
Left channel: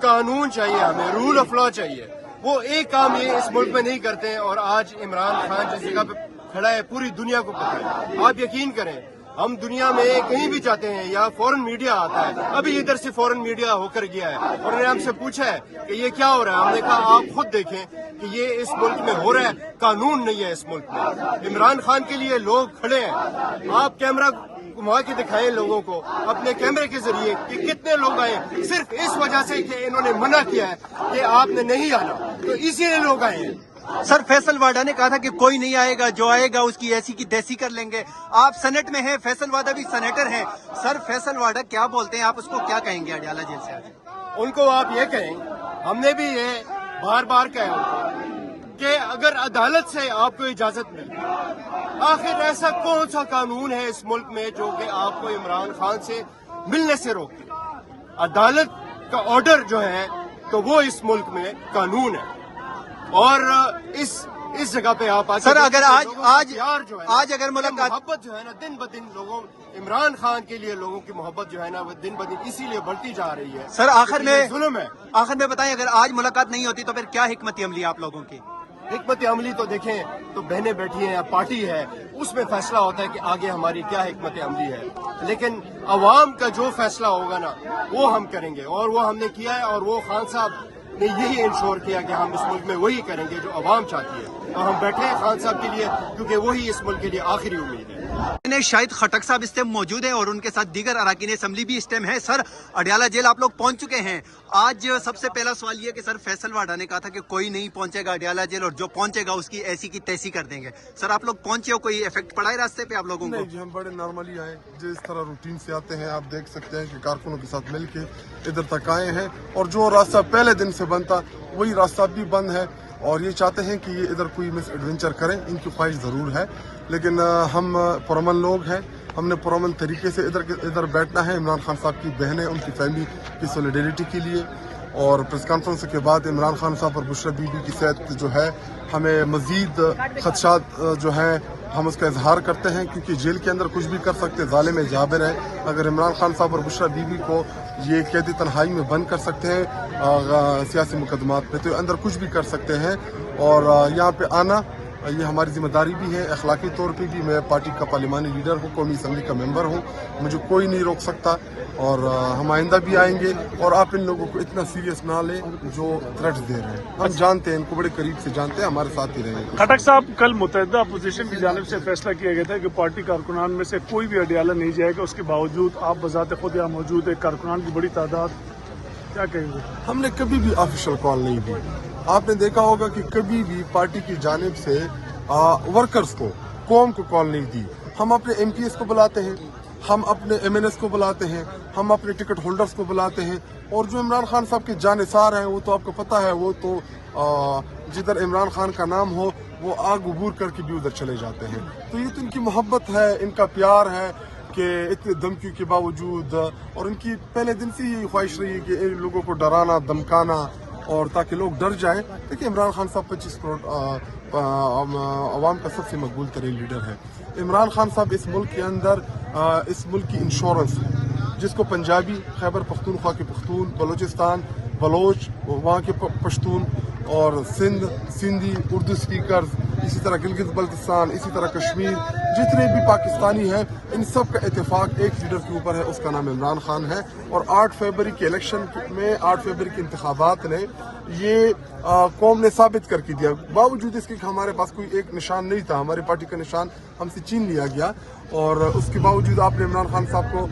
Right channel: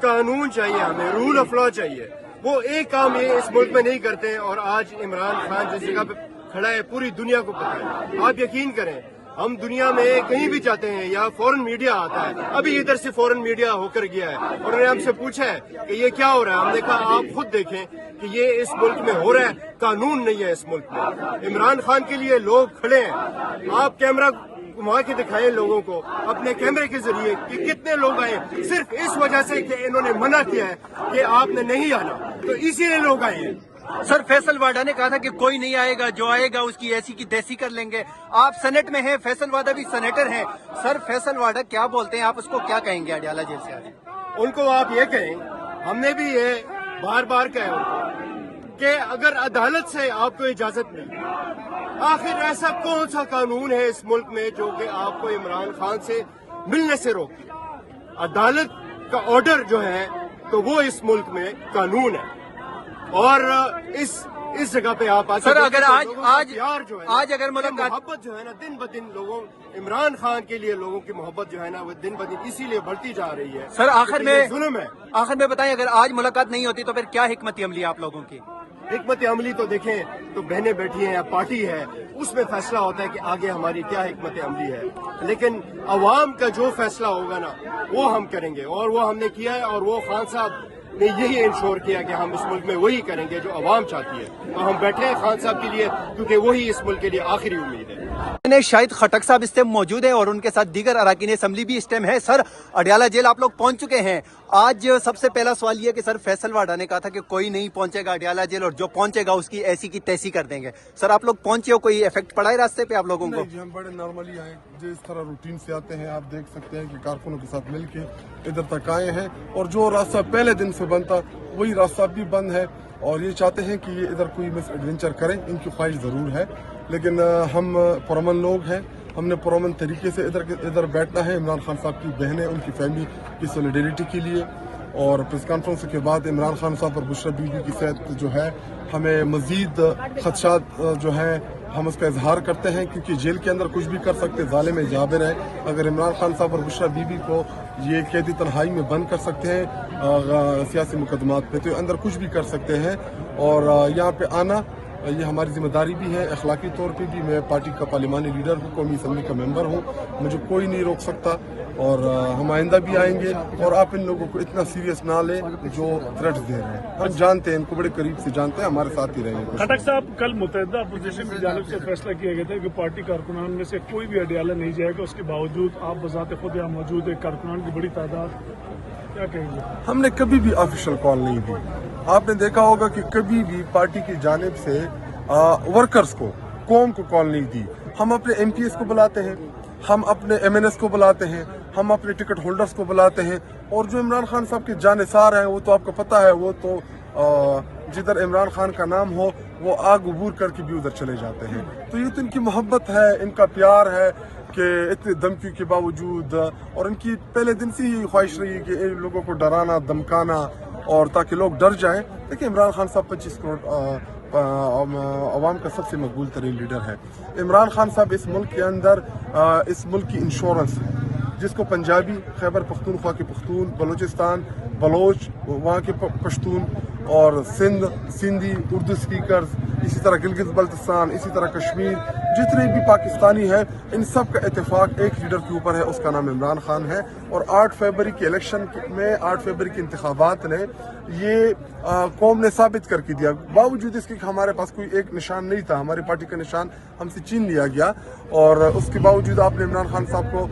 قانون چاہیے، ہمیں رول آف لا چاہیے. وہ ایک کام یہ اس ملک میں نہیں کرتے ہیں، اور آج عمران خان جس جگہ پہ کھڑا ہے پوری دنیا کو پتہ ہے. آپ یقین کریں، ہم دنیا میں کہیں بھی جاتے ہیں یا فورن میڈیا آتا ہے، ابھی ادھر سے فورن میڈیا ہو کر گیا ہے، اور انہوں نے ہم سے پوچھا ہے کہ یہ کیا ہو رہا ہے. ہم نے کہا آپ خود دیکھیں کہ یہ اس ملک میں ہو رہا ہے، قانون نہیں ہے اس ملک میں. عمران خان کے لیے لوگ کھڑے ہیں. آپ کیمرہ گھما کے دکھائیں لوگوں کو اپنے کیمرے کے ذریعے کہ کتنے لوگ آئے، صرف اس وجہ سے کہ انہوں نے منع کیا ہے کہ آپ نے نہیں آنا، تو اسی لیے لوگ آئے ہیں. سر فیصل واڈا نے کہا تھا کہ کوئی نہیں آئے گا، جو آئے گا اس کی ایسی کی تیسی کر لیں گے. آپ سینٹ میں ہیں، فیصل واڈا بھی سینیٹر ہیں. سر فیصل واڈا کیا بولتے ہیں، آپ اس کو کیا کہیں گے اڈیالہ جیل سے آج؟ ان کو آپ یہ کہیں، ہم نے بھی یہ بار بار کہا ان کو کہ اگر عدالت سے آپ کو اجازت ملی، آخر ایسا کون سا قانون ہے اس ملک میں جو کہ آپ کو عمران خان سے ملنے سے روکے؟ عدالت کا آرڈر جو ہے تو وہ اس ملک میں قانون ہے. اور اس جگہ پہ آپ سر اگر آج اگر محبت جو ہے نا دن بدن لوگوں، عمران خان کے لیے لوگوں کی محبت جو ہے نا وہ دن بدن اسی لیے بڑھتی جا رہی ہے. سر آخر ظلم ہے. میں بتائیں، اگر آج ملاقات نہیں ہوتی تو پھر کیا حکمت عملی آپ لوگوں کی؟ حکمت عملی تو دیکھیں تو بہنیں بیٹھی ہیں یا پارٹی ہے، اس میں فیصلہ ہوتا ہے کہ آگے ہماری کیا حکمت عملی ہے. لیکن عوام کا جو فیصلہ ہوگا نا وہ ہم کریں گے، اور وہ ہم نے کیا ہے. اور وہ خان صاحب نے یہی انشور کیا کہ ہم اس ملک میں وہی کریں گے جو عوام چاہتی ہے. تو ہم بیٹھے ہیں خان صاحب کے لیے، کیونکہ وہی اس ملک کے لیے آخری امید ہے. شاہد خٹک صاحب اس ٹائم موجود ہیں اور ان کے ساتھ دیگر اراکین اسمبلی بھی اس ٹائم ہے. سر اڈیالہ جیل آپ لوگ پہنچ چکے ہیں. آج سب سے پہلا سوال یہ کہ سر فیصل واڈا نے کہا تھا کہ کوئی نہیں پہنچے گا اڈیالہ جیل، اور جو پہنچے گا اس کی ایسی کی تیسی کر دیں گے. سر آپ لوگ پہنچے ہو، کوئی افیکٹ پڑا ہے راستے پہ آپ لوگوں کو؟ جی ہم بڑے نارملی آئے، جس طرح روٹین سے آتے ہیں. آپ دیکھ سکتے ہیں کہ کارکنوں کے ساتھ مل کے ادھر تک آئے ہیں، اور جو راستہ پہلے دن سے بنتا وہی راستہ بھی بند ہے. اور یہ چاہتے ہیں کہ یہ ادھر کوئی مس ایڈونچر کریں، ان کی خواہش ضرور ہے. لیکن ہم پرامن لوگ ہیں، ہم نے پرامن طریقے سے ادھر بیٹھنا ہے. عمران خان صاحب کی بہنیں، ان کی فیملی کی سولیڈیریٹی کے لیے. اور پریس کانفرنس کے بعد عمران خان صاحب اور بشرا بی بی کی صحت جو ہے، ہمیں مزید خدشات جو ہیں ہم اس کا اظہار کرتے ہیں، کیونکہ جیل کے اندر کچھ بھی کر سکتے ظالم جابر ہیں. اگر عمران خان صاحب اور بشرا بی بی کو یہ قیدی تنہائی میں بند کر سکتے ہیں سیاسی مقدمات پہ، تو اندر کچھ بھی کر سکتے ہیں. اور یہاں پہ آنا یہ ہماری ذمہ داری بھی ہے، اخلاقی طور پہ بھی. میں پارٹی کا پارلیمانی لیڈر ہوں، قومی اسمبلی کا ممبر ہوں، مجھے کوئی نہیں روک سکتا. اور ہم آئندہ بھی آئیں گے. اور آپ ان لوگوں کو اتنا سیریس نہ لیں جو تھریٹس دے رہے ہیں. ہم جانتے ہیں، ان کو بڑے قریب سے جانتے ہیں، ہمارے ساتھ ہی رہیں گے. خٹک صاحب، کل متحدہ اپوزیشن کی جانب سے فیصلہ کیا گیا تھا کہ پارٹی کارکنان میں سے کوئی بھی اڈیالہ نہیں جائے گا. اس کے باوجود آپ بذات خود یہاں موجود ہے، کارکنان کی بڑی تعداد، کیا کہیں گے؟ ہم نے کبھی بھی آفیشیل کال نہیں دی. آپ نے دیکھا ہوگا کہ کبھی بھی پارٹی کی جانب سے ورکرز کو، قوم کو کال نہیں دی. ہم اپنے ایم پی ایس کو بلاتے ہیں، ہم اپنے ایم این ایس کو بلاتے ہیں، ہم اپنے ٹکٹ ہولڈرز کو بلاتے ہیں. اور جو عمران خان صاحب کے جانثار ہیں وہ تو آپ کو پتہ ہے، وہ تو جدھر عمران خان کا نام ہو وہ آگ عبور کر کے بھی ادھر چلے جاتے ہیں. تو یہ تو ان کی محبت ہے، ان کا پیار ہے کہ اتنے دھمکیوں کے باوجود، اور ان کی پہلے دن سے ہی خواہش رہی ہے کہ ان لوگوں کو ڈرانا، دھمکانا، اور تاکہ لوگ ڈر جائیں. دیکھیں عمران خان صاحب 25 کروڑ عوام کا سب سے مقبول ترین لیڈر ہے. عمران خان صاحب اس ملک کے اندر اس ملک کی انشورنس ہے، جس کو پنجابی، خیبر پختونخوا کے پختون، بلوچستان بلوچ، وہاں کے پشتون، اور سندھی، اردو اسپیکرز، اسی طرح گلگت بلتستان، اسی طرح کشمیر، جتنے بھی پاکستانی ہیں، ان سب کا اتفاق ایک لیڈر کے اوپر ہے، اس کا نام عمران خان ہے. اور 8 فروری کے الیکشن میں، 8 فروری کے انتخابات نے یہ قوم نے ثابت کر کے دیا. باوجود اس کے کہ ہمارے پاس کوئی ایک نشان نہیں تھا، ہماری پارٹی کا نشان ہم سے چھین لیا گیا، اور اس کے باوجود آپ نے عمران خان صاحب کو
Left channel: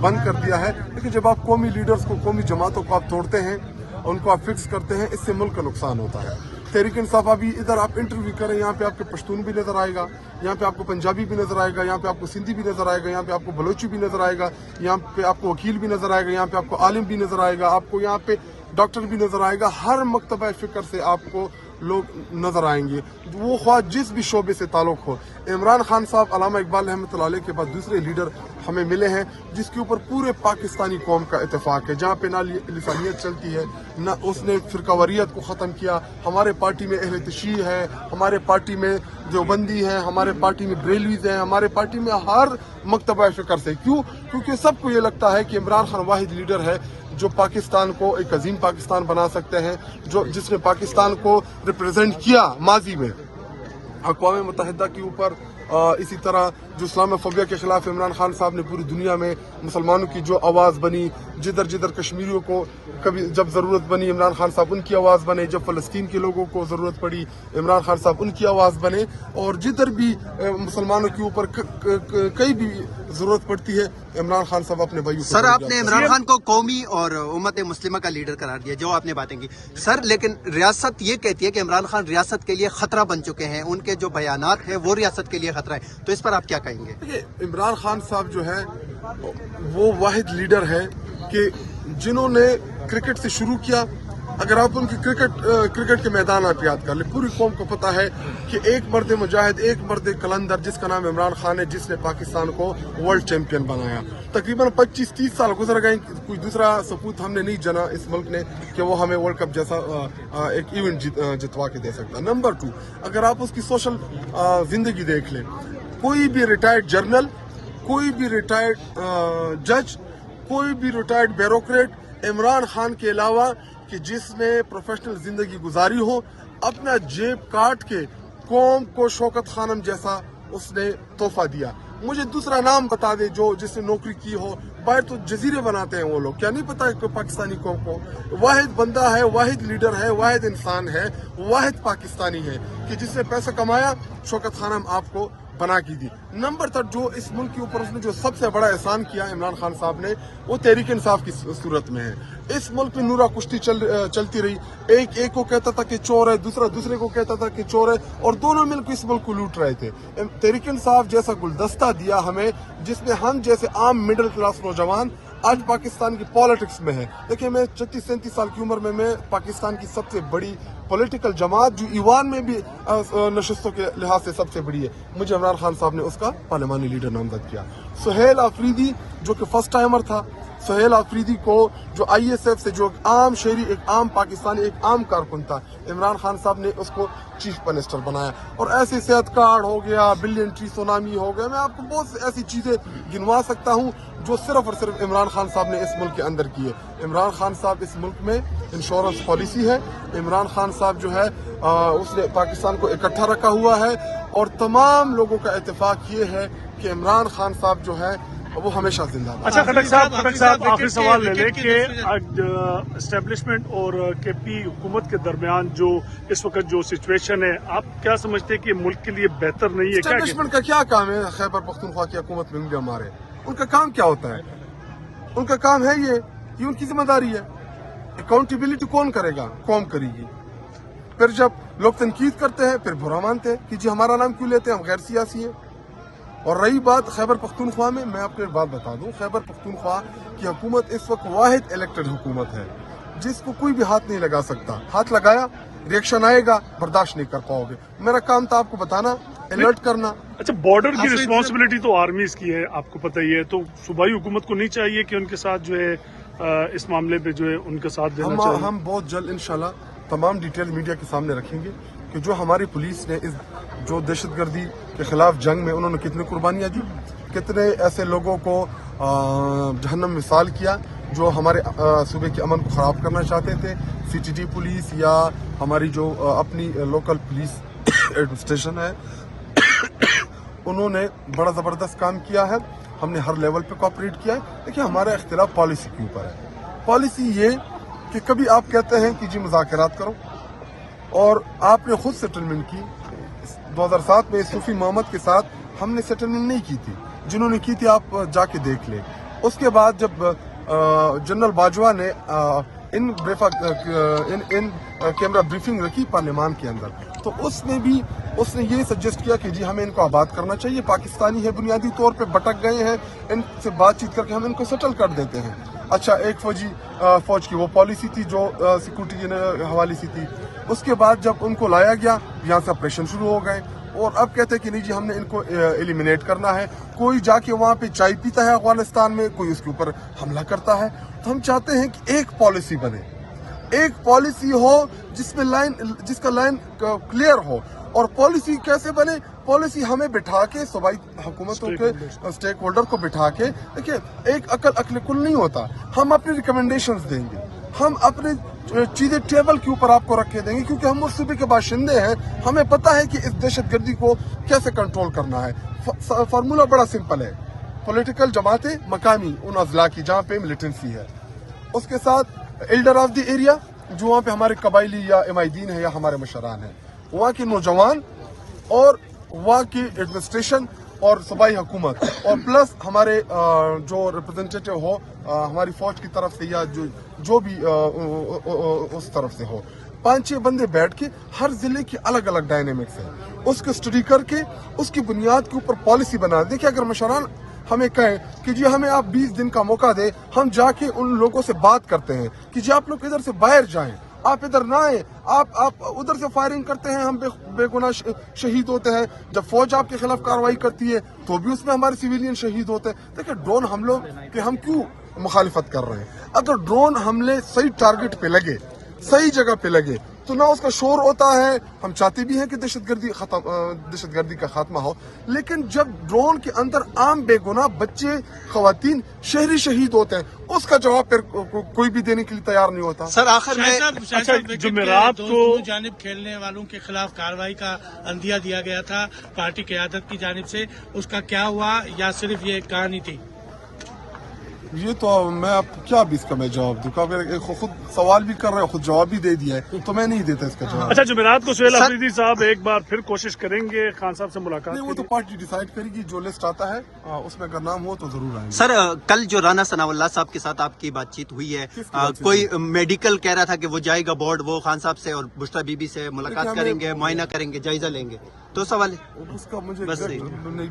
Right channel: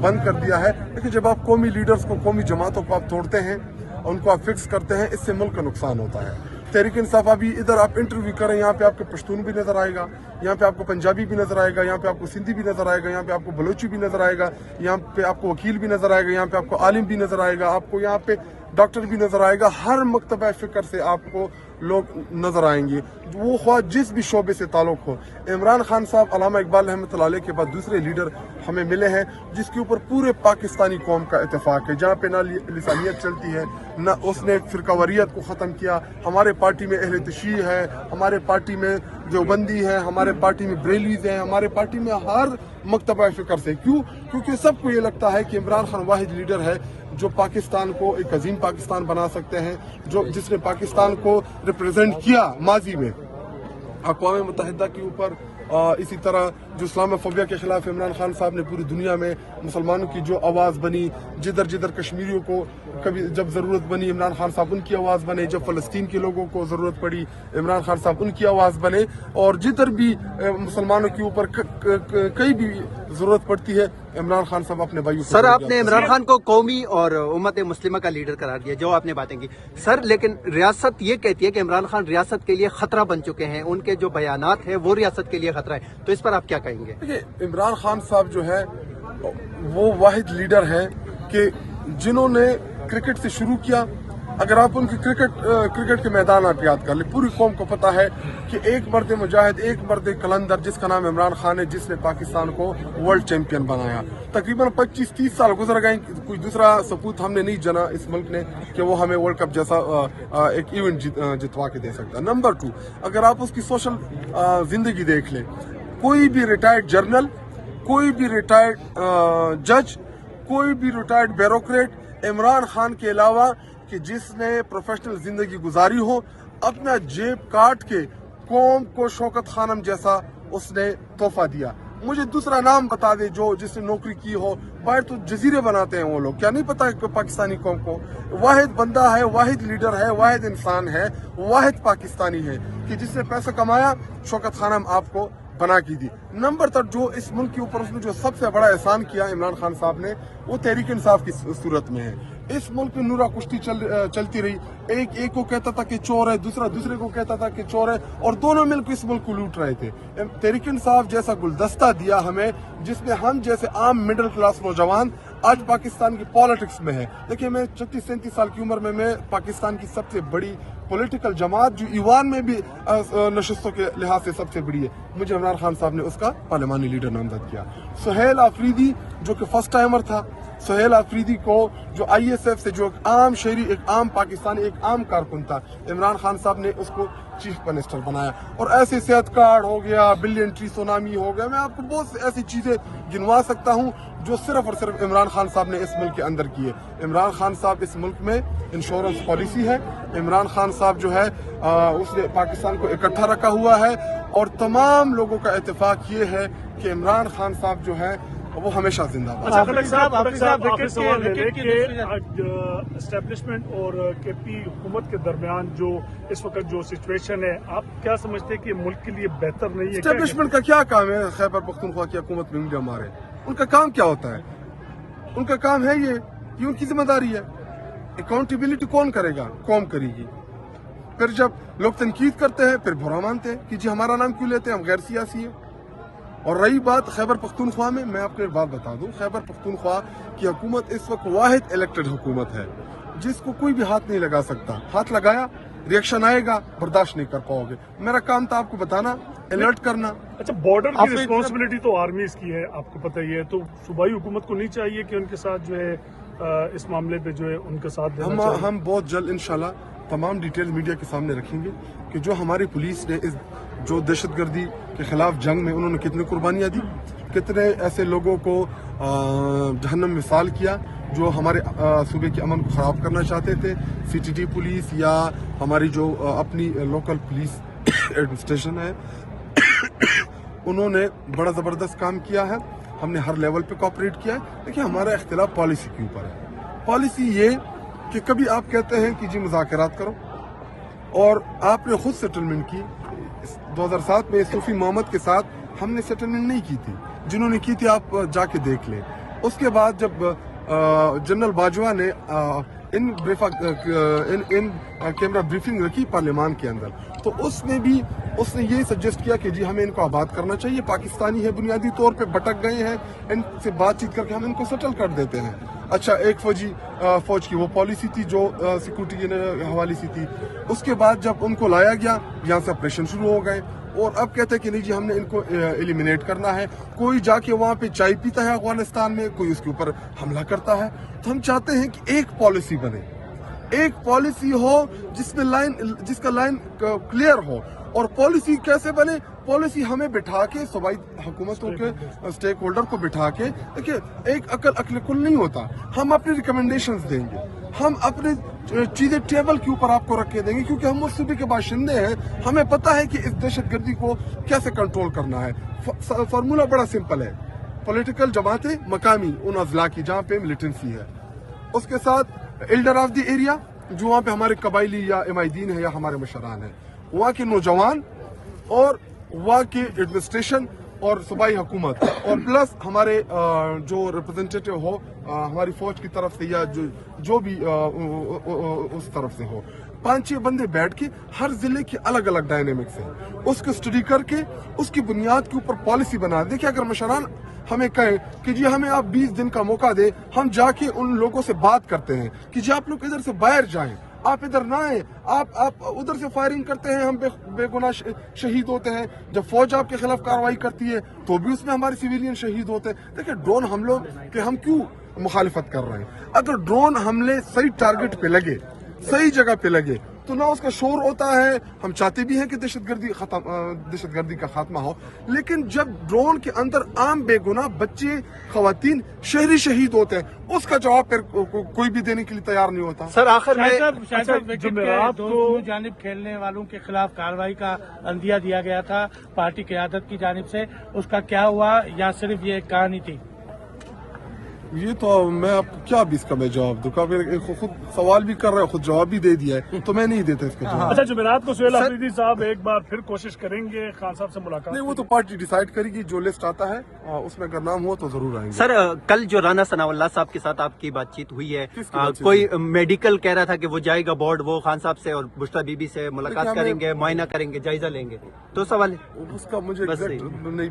بند کر دیا ہے. لیکن جب آپ قومی لیڈرز کو، قومی جماعتوں کو آپ توڑتے ہیں، ان کو آپ فکس کرتے ہیں، اس سے ملک کا نقصان ہوتا ہے. تحریک انصاف ابھی ادھر آپ انٹرویو کریں، یہاں پہ آپ کو پشتون بھی نظر آئے گا، یہاں پہ آپ کو پنجابی بھی نظر آئے گا، یہاں پہ آپ کو سندھی بھی نظر آئے گا، یہاں پہ آپ کو بلوچی بھی نظر آئے گا، یہاں پہ آپ کو وکیل بھی نظر آئے گا، یہاں پہ آپ کو عالم بھی نظر آئے گا، آپ کو یہاں پہ ڈاکٹر بھی نظر آئے گا. ہر مکتبہ فکر سے آپ کو لوگ نظر آئیں گے، وہ خواہ جس بھی شعبے سے تعلق ہو. इमरान खान साहब अल्लामा इकबाल रहमतुल्लाह अलैह के बाद दूसरे लीडर हमें मिले हैं जिसके ऊपर पूरे पाकिस्तानी कौम का इत्तेफाक है, जहाँ पे ना लिसानियत चलती है, ना उसने फिरकावरियत को ख़त्म किया। हमारे पार्टी में अहले तशय्युह है, हमारे पार्टी में देवबंदी है, हमारे पार्टी में बरेलवीज हैं, हमारे पार्टी में हर मकतबा फ़िक्र से। क्यों? क्योंकि सबको ये लगता है कि इमरान खान वाहिद लीडर है जो पाकिस्तान को एक अजीम पाकिस्तान बना सकते हैं, जिसने पाकिस्तान को रिप्रेजेंट किया माजी में अक़वाम मुत्तहिदा के ऊपर। इसी तरह जो इस्लामोफोबिया के खिलाफ इमरान खान साहब ने पूरी दुनिया में मुसलमानों की जो आवाज़ बनी, जिधर जिधर कश्मीरियों को कभी जब ज़रूरत बनी इमरान खान साहब उनकी आवाज़ बने, जब फ़लस्तीन के लोगों को ज़रूरत पड़ी इमरान खान साहब उनकी आवाज़ बने, और जिधर भी मुसलमानों के ऊपर कहीं भी ज़रूरत पड़ती है इमरान खान साहब अपने भाइयों। सर, आपने इमरान खान को कौमी और उम्मत मुस्लिमा का लीडर करार दिया, जो आपने बातें की सर, लेकिन रियासत ये कहती है कि इमरान खान रियासत के लिए खतरा बन चुके हैं, उनके जो बयानात है वो रियासत के लिए खतरा है, तो इस पर आप क्या कहेंगे? देखिए, इमरान खान साहब जो है वो वाहिद लीडर हैं कि जिन्होंने क्रिकेट से शुरू किया। अगर आप उनकी क्रिकेट के मैदान आप याद कर ले, पूरी कौम को पता है कि एक मर्द मुजाहिद, एक मर्द कलंदर जिसका नाम इमरान खान है, जिसने पाकिस्तान को वर्ल्ड चैंपियन बनाया। तकरीबन 25-30 साल गुजर गए, कोई दूसरा सपूत हमने नहीं जना इस मुल्क ने कि वो हमें वर्ल्ड कप जैसा एक इवेंट जितवा के दे सकता। नंबर 2, अगर आप उसकी सोशल जिंदगी देख लें, कोई भी रिटायर्ड जर्नल, कोई भी रिटायर्ड जज, कोई भी रिटायर्ड ब्यूरोक्रेट इमरान खान के अलावा कि जिसने प्रोफेशनल जिंदगी गुजारी हो, अपना जेब काट के कौम को शौकत खानम जैसा उसने तोहफा दिया। मुझे दूसरा नाम बता दे जो जिसने नौकरी की हो। बाहर तो जजीरे बनाते हैं वो लोग, क्या नहीं पता है पाकिस्तानी कौम को। वाहिद बंदा है, वाहिद लीडर है, वाहिद इंसान है, वाहिद पाकिस्तानी है कि जिसने पैसा कमाया, शौकत खानम आपको बना की दी। नंबर 3, जो इस मुल्क के ऊपर उसने जो सबसे बड़ा एहसान किया इमरान खान साहब ने, वो तहरीक इंसाफ की सूरत में है। इस मुल्क में नूरा कुश्ती चलती रही, एक को कहता था कि चोर है, दूसरा दूसरे को कहता था कि चोर है, और दोनों मिलकर इस मुल्क को लूट रहे थे। तहरीक इंसाफ जैसा गुलदस्ता दिया हमें, जिसमें हम जैसे आम मिडिल क्लास नौजवान आज पाकिस्तान की पॉलिटिक्स में है। देखिए, मैं 36-37 साल की उम्र में मैं पाकिस्तान की सबसे बड़ी पॉलिटिकल जमात जो ईवान में भी नशस्तों के लिहाज से सबसे बड़ी है, मुझे इमरान खान साहब ने उसका पार्लिमानी लीडर नामजद किया। सुहेल आफरीदी जो कि फर्स्ट टाइमर था, सुहेल आफरीदी को जो ISF से जो आम शहरी, एक आम पाकिस्तानी, एक आम कारकुन था, इमरान खान साहब ने उसको चीफ मिनिस्टर बनाया। और ऐसे सेहत कार्ड हो गया, बिलियन ट्री सुनामी हो गया, मैं आपको बहुत ऐसी चीजें गिनवा सकता हूँ जो सिर्फ और सिर्फ इमरान खान साहब ने इस मुल्क के अंदर की है। इमरान खान साहब इस मुल्क में इंश्योरेंस पॉलिसी है, इमरान खान साहब जो है उसने पाकिस्तान को इकट्ठा रखा हुआ है, और तमाम लोगों का इत्तेफाक ये है कि इमरान खान साहब जो है वो हमेशा जिंदाबाद। अच्छा, खटक साहब आखिरी सवाल ले लें कि एस्टेब्लिशमेंट और KP हुकूमत के दरमियान जो इस वक्त जो सिचुएशन है, आप क्या समझते हैं कि मुल्क के लिए बेहतर नहीं है? एस्टेब्लिशमेंट का क्या काम है? खैबर पख्तूनख्वा की हुकूमत में हमारे उनका काम क्या होता है? उनका काम है ये उनकी जिम्मेदारी है। अकाउंटेबिलिटी कौन करेगा? कौम करेगी। फिर जब लोग तनकीद करते हैं फिर बुरा मानते हैं कि जी हमारा नाम क्यों लेते हैं, हम गैर सियासी है। और रही बात खैबर पख्तूनख्वा में, मैं आपको एक बात बता दूं, खैबर पख्तूनख्वा की हुकूमत इस वक्त वाहिद इलेक्टेड हुकूमत है जिसको कोई भी हाथ नहीं लगा सकता। हाथ लगाया रिएक्शन आएगा, बर्दाश्त नहीं कर पाओगे। मेरा काम था आपको बताना, अलर्ट करना। अच्छा, बॉर्डर की रिस्पांसिबिलिटी तो आर्मीज की है, आपको पता ही है, तो सूबाई हुकूमत को नहीं चाहिए कि उनके साथ जो है इस मामले पे जो है उनके साथ हम बहुत जल्द इंशाल्लाह तमाम डिटेल मीडिया के सामने रखेंगे कि जो हमारी पुलिस ने इस जो दहशतगर्दी के खिलाफ जंग में उन्होंने कितनी कुर्बानियाँ दी, कितने ऐसे लोगों को जहन्नम मिसाल किया जो हमारे सूबे के अमन को ख़राब करना चाहते थे। CTT पुलिस या हमारी जो अपनी लोकल पुलिस एडमिनिस्ट्रेशन है उन्होंने बड़ा ज़बरदस्त काम किया है। हमने हर लेवल पे कोऑपरेट किया है। देखिए, हमारा इख्तिलाफ पॉलिसी के ऊपर है। पॉलिसी ये कि कभी आप कहते हैं कि जी मुज़ाकरात करो, और आपने खुद सेटलमेंट की। 2007 में सूफी मोहम्मद के साथ हमने सेटलमेंट नहीं की थी, जिन्होंने की थी आप जाके देख लें। उसके बाद जब जनरल बाजवा ने इन कैमरा ब्रीफिंग रखी पार्लियामान के अंदर, तो उसने ये सजेस्ट किया कि जी हमें इनको आबाद करना चाहिए, पाकिस्तानी है, बुनियादी तौर पे भटक गए हैं, इनसे बातचीत करके हम इनको सेटल कर देते हैं। अच्छा, एक फौज की वो पॉलिसी थी जो सिक्योरिटी के हवाले से थी। उसके बाद जब उनको लाया गया, यहाँ से ऑपरेशन शुरू हो गए। और अब कहते हैं कि नहीं जी हमने इनको एलिमिनेट करना है। कोई जाके वहाँ पे चाय पीता है अफगानिस्तान में, कोई उसके ऊपर हमला करता है। तो हम चाहते हैं कि एक पॉलिसी बने, एक पॉलिसी हो जिसका लाइन क्लियर हो। और पॉलिसी कैसे बने? पॉलिसी हमें बिठा के सूबाई हुकूमतों के स्टेक होल्डर को बिठा के, देखिए एक अकल कुल नहीं होता। हम अपनी रिकमेंडेशंस देंगे, हम अपने चीजें टेबल के ऊपर आपको रख के देंगे, क्योंकि हम उस सूबे के बाशिंदे हैं। हमें पता है कि इस दहशतगर्दी को कैसे कंट्रोल करना है। फार्मूला बड़ा सिंपल है, पॉलिटिकल जमातें मकामी उन अजला की जहाँ पे मिलिटेंसी है, उसके साथ एल्डर ऑफ द एरिया जो वहाँ पे हमारे कबाइली या इमायदीन है या हमारे मशरान है, वहाँ के नौजवान और वहाँ की एडमिनिस्ट्रेशन और सूबाई हुकूमत, और प्लस हमारे जो रिप्रेजेंटेटिव हो हमारी फौज की तरफ से या जो भी उस तरफ से हो, 5-6 बंदे बैठ के हर जिले की अलग अलग डायनेमिक्स है, उसको स्टडी करके उसकी बुनियाद के ऊपर पॉलिसी बना दे। कि अगर मशरान हमें कहें कि जी हमें आप 20 दिन का मौका दे, हम जाके उन लोगों से बात करते हैं कि जी आप लोग इधर से बाहर जाएं, आप इधर ना आए, आप उधर से फायरिंग करते हैं, हम बेगुनाह शहीद होते हैं। जब फौज आपके खिलाफ कार्रवाई करती है तो भी उसमें हमारे सिविलियन शहीद होते हैं। देखिए ड्रोन हमलों के हम क्यों मुखालिफत कर रहे हैं? अगर ड्रोन हमले सही टारगेट पे लगे, सही जगह पे लगे, तो ना उसका शोर होता है। हम चाहते भी हैं कि दहशतगर्दी का खात्मा हो, लेकिन जब ड्रोन के अंदर आम बेगुनाह बच्चे, खवातीन, शहरी शहीद होते हैं, उसका जवाब फिर कोई भी देने के लिए तैयार नहीं होता। सर आखिर में जुमेरात को जानिब खेलने वालों के खिलाफ कार्रवाई का अंदिया दिया गया था पार्टी क़यादत की जानिब से, उसका क्या हुआ या सिर्फ ये कहानी थी? ये तो मैं अब क्या भी इसका मैं जवाब दूंगा? खुद सवाल भी कर रहे हैं, खुद जवाब भी दे दिया है, तो मैं नहीं देता इसका जवाब। अच्छा, जुमेरात को सुहेल अफरीदी साहब एक बार फिर कोशिश करेंगे खान साहब से मुलाकात? नहीं, वो तो पार्टी डिसाइड करेगी, जो लिस्ट आता है उसमें अगर नाम हो तो जरूर आएंगे। सर कल जो राना सनाउल्लाह साहब के साथ आपकी बातचीत हुई है, कोई मेडिकल कह रहा था कि वो जाएगा बोर्ड, वो खान साहब से और बुश्रा बीबी से मुलाकात करेंगे, मुआयना करेंगे, जायजा लेंगे, तो सवाल उसका मुझे नहीं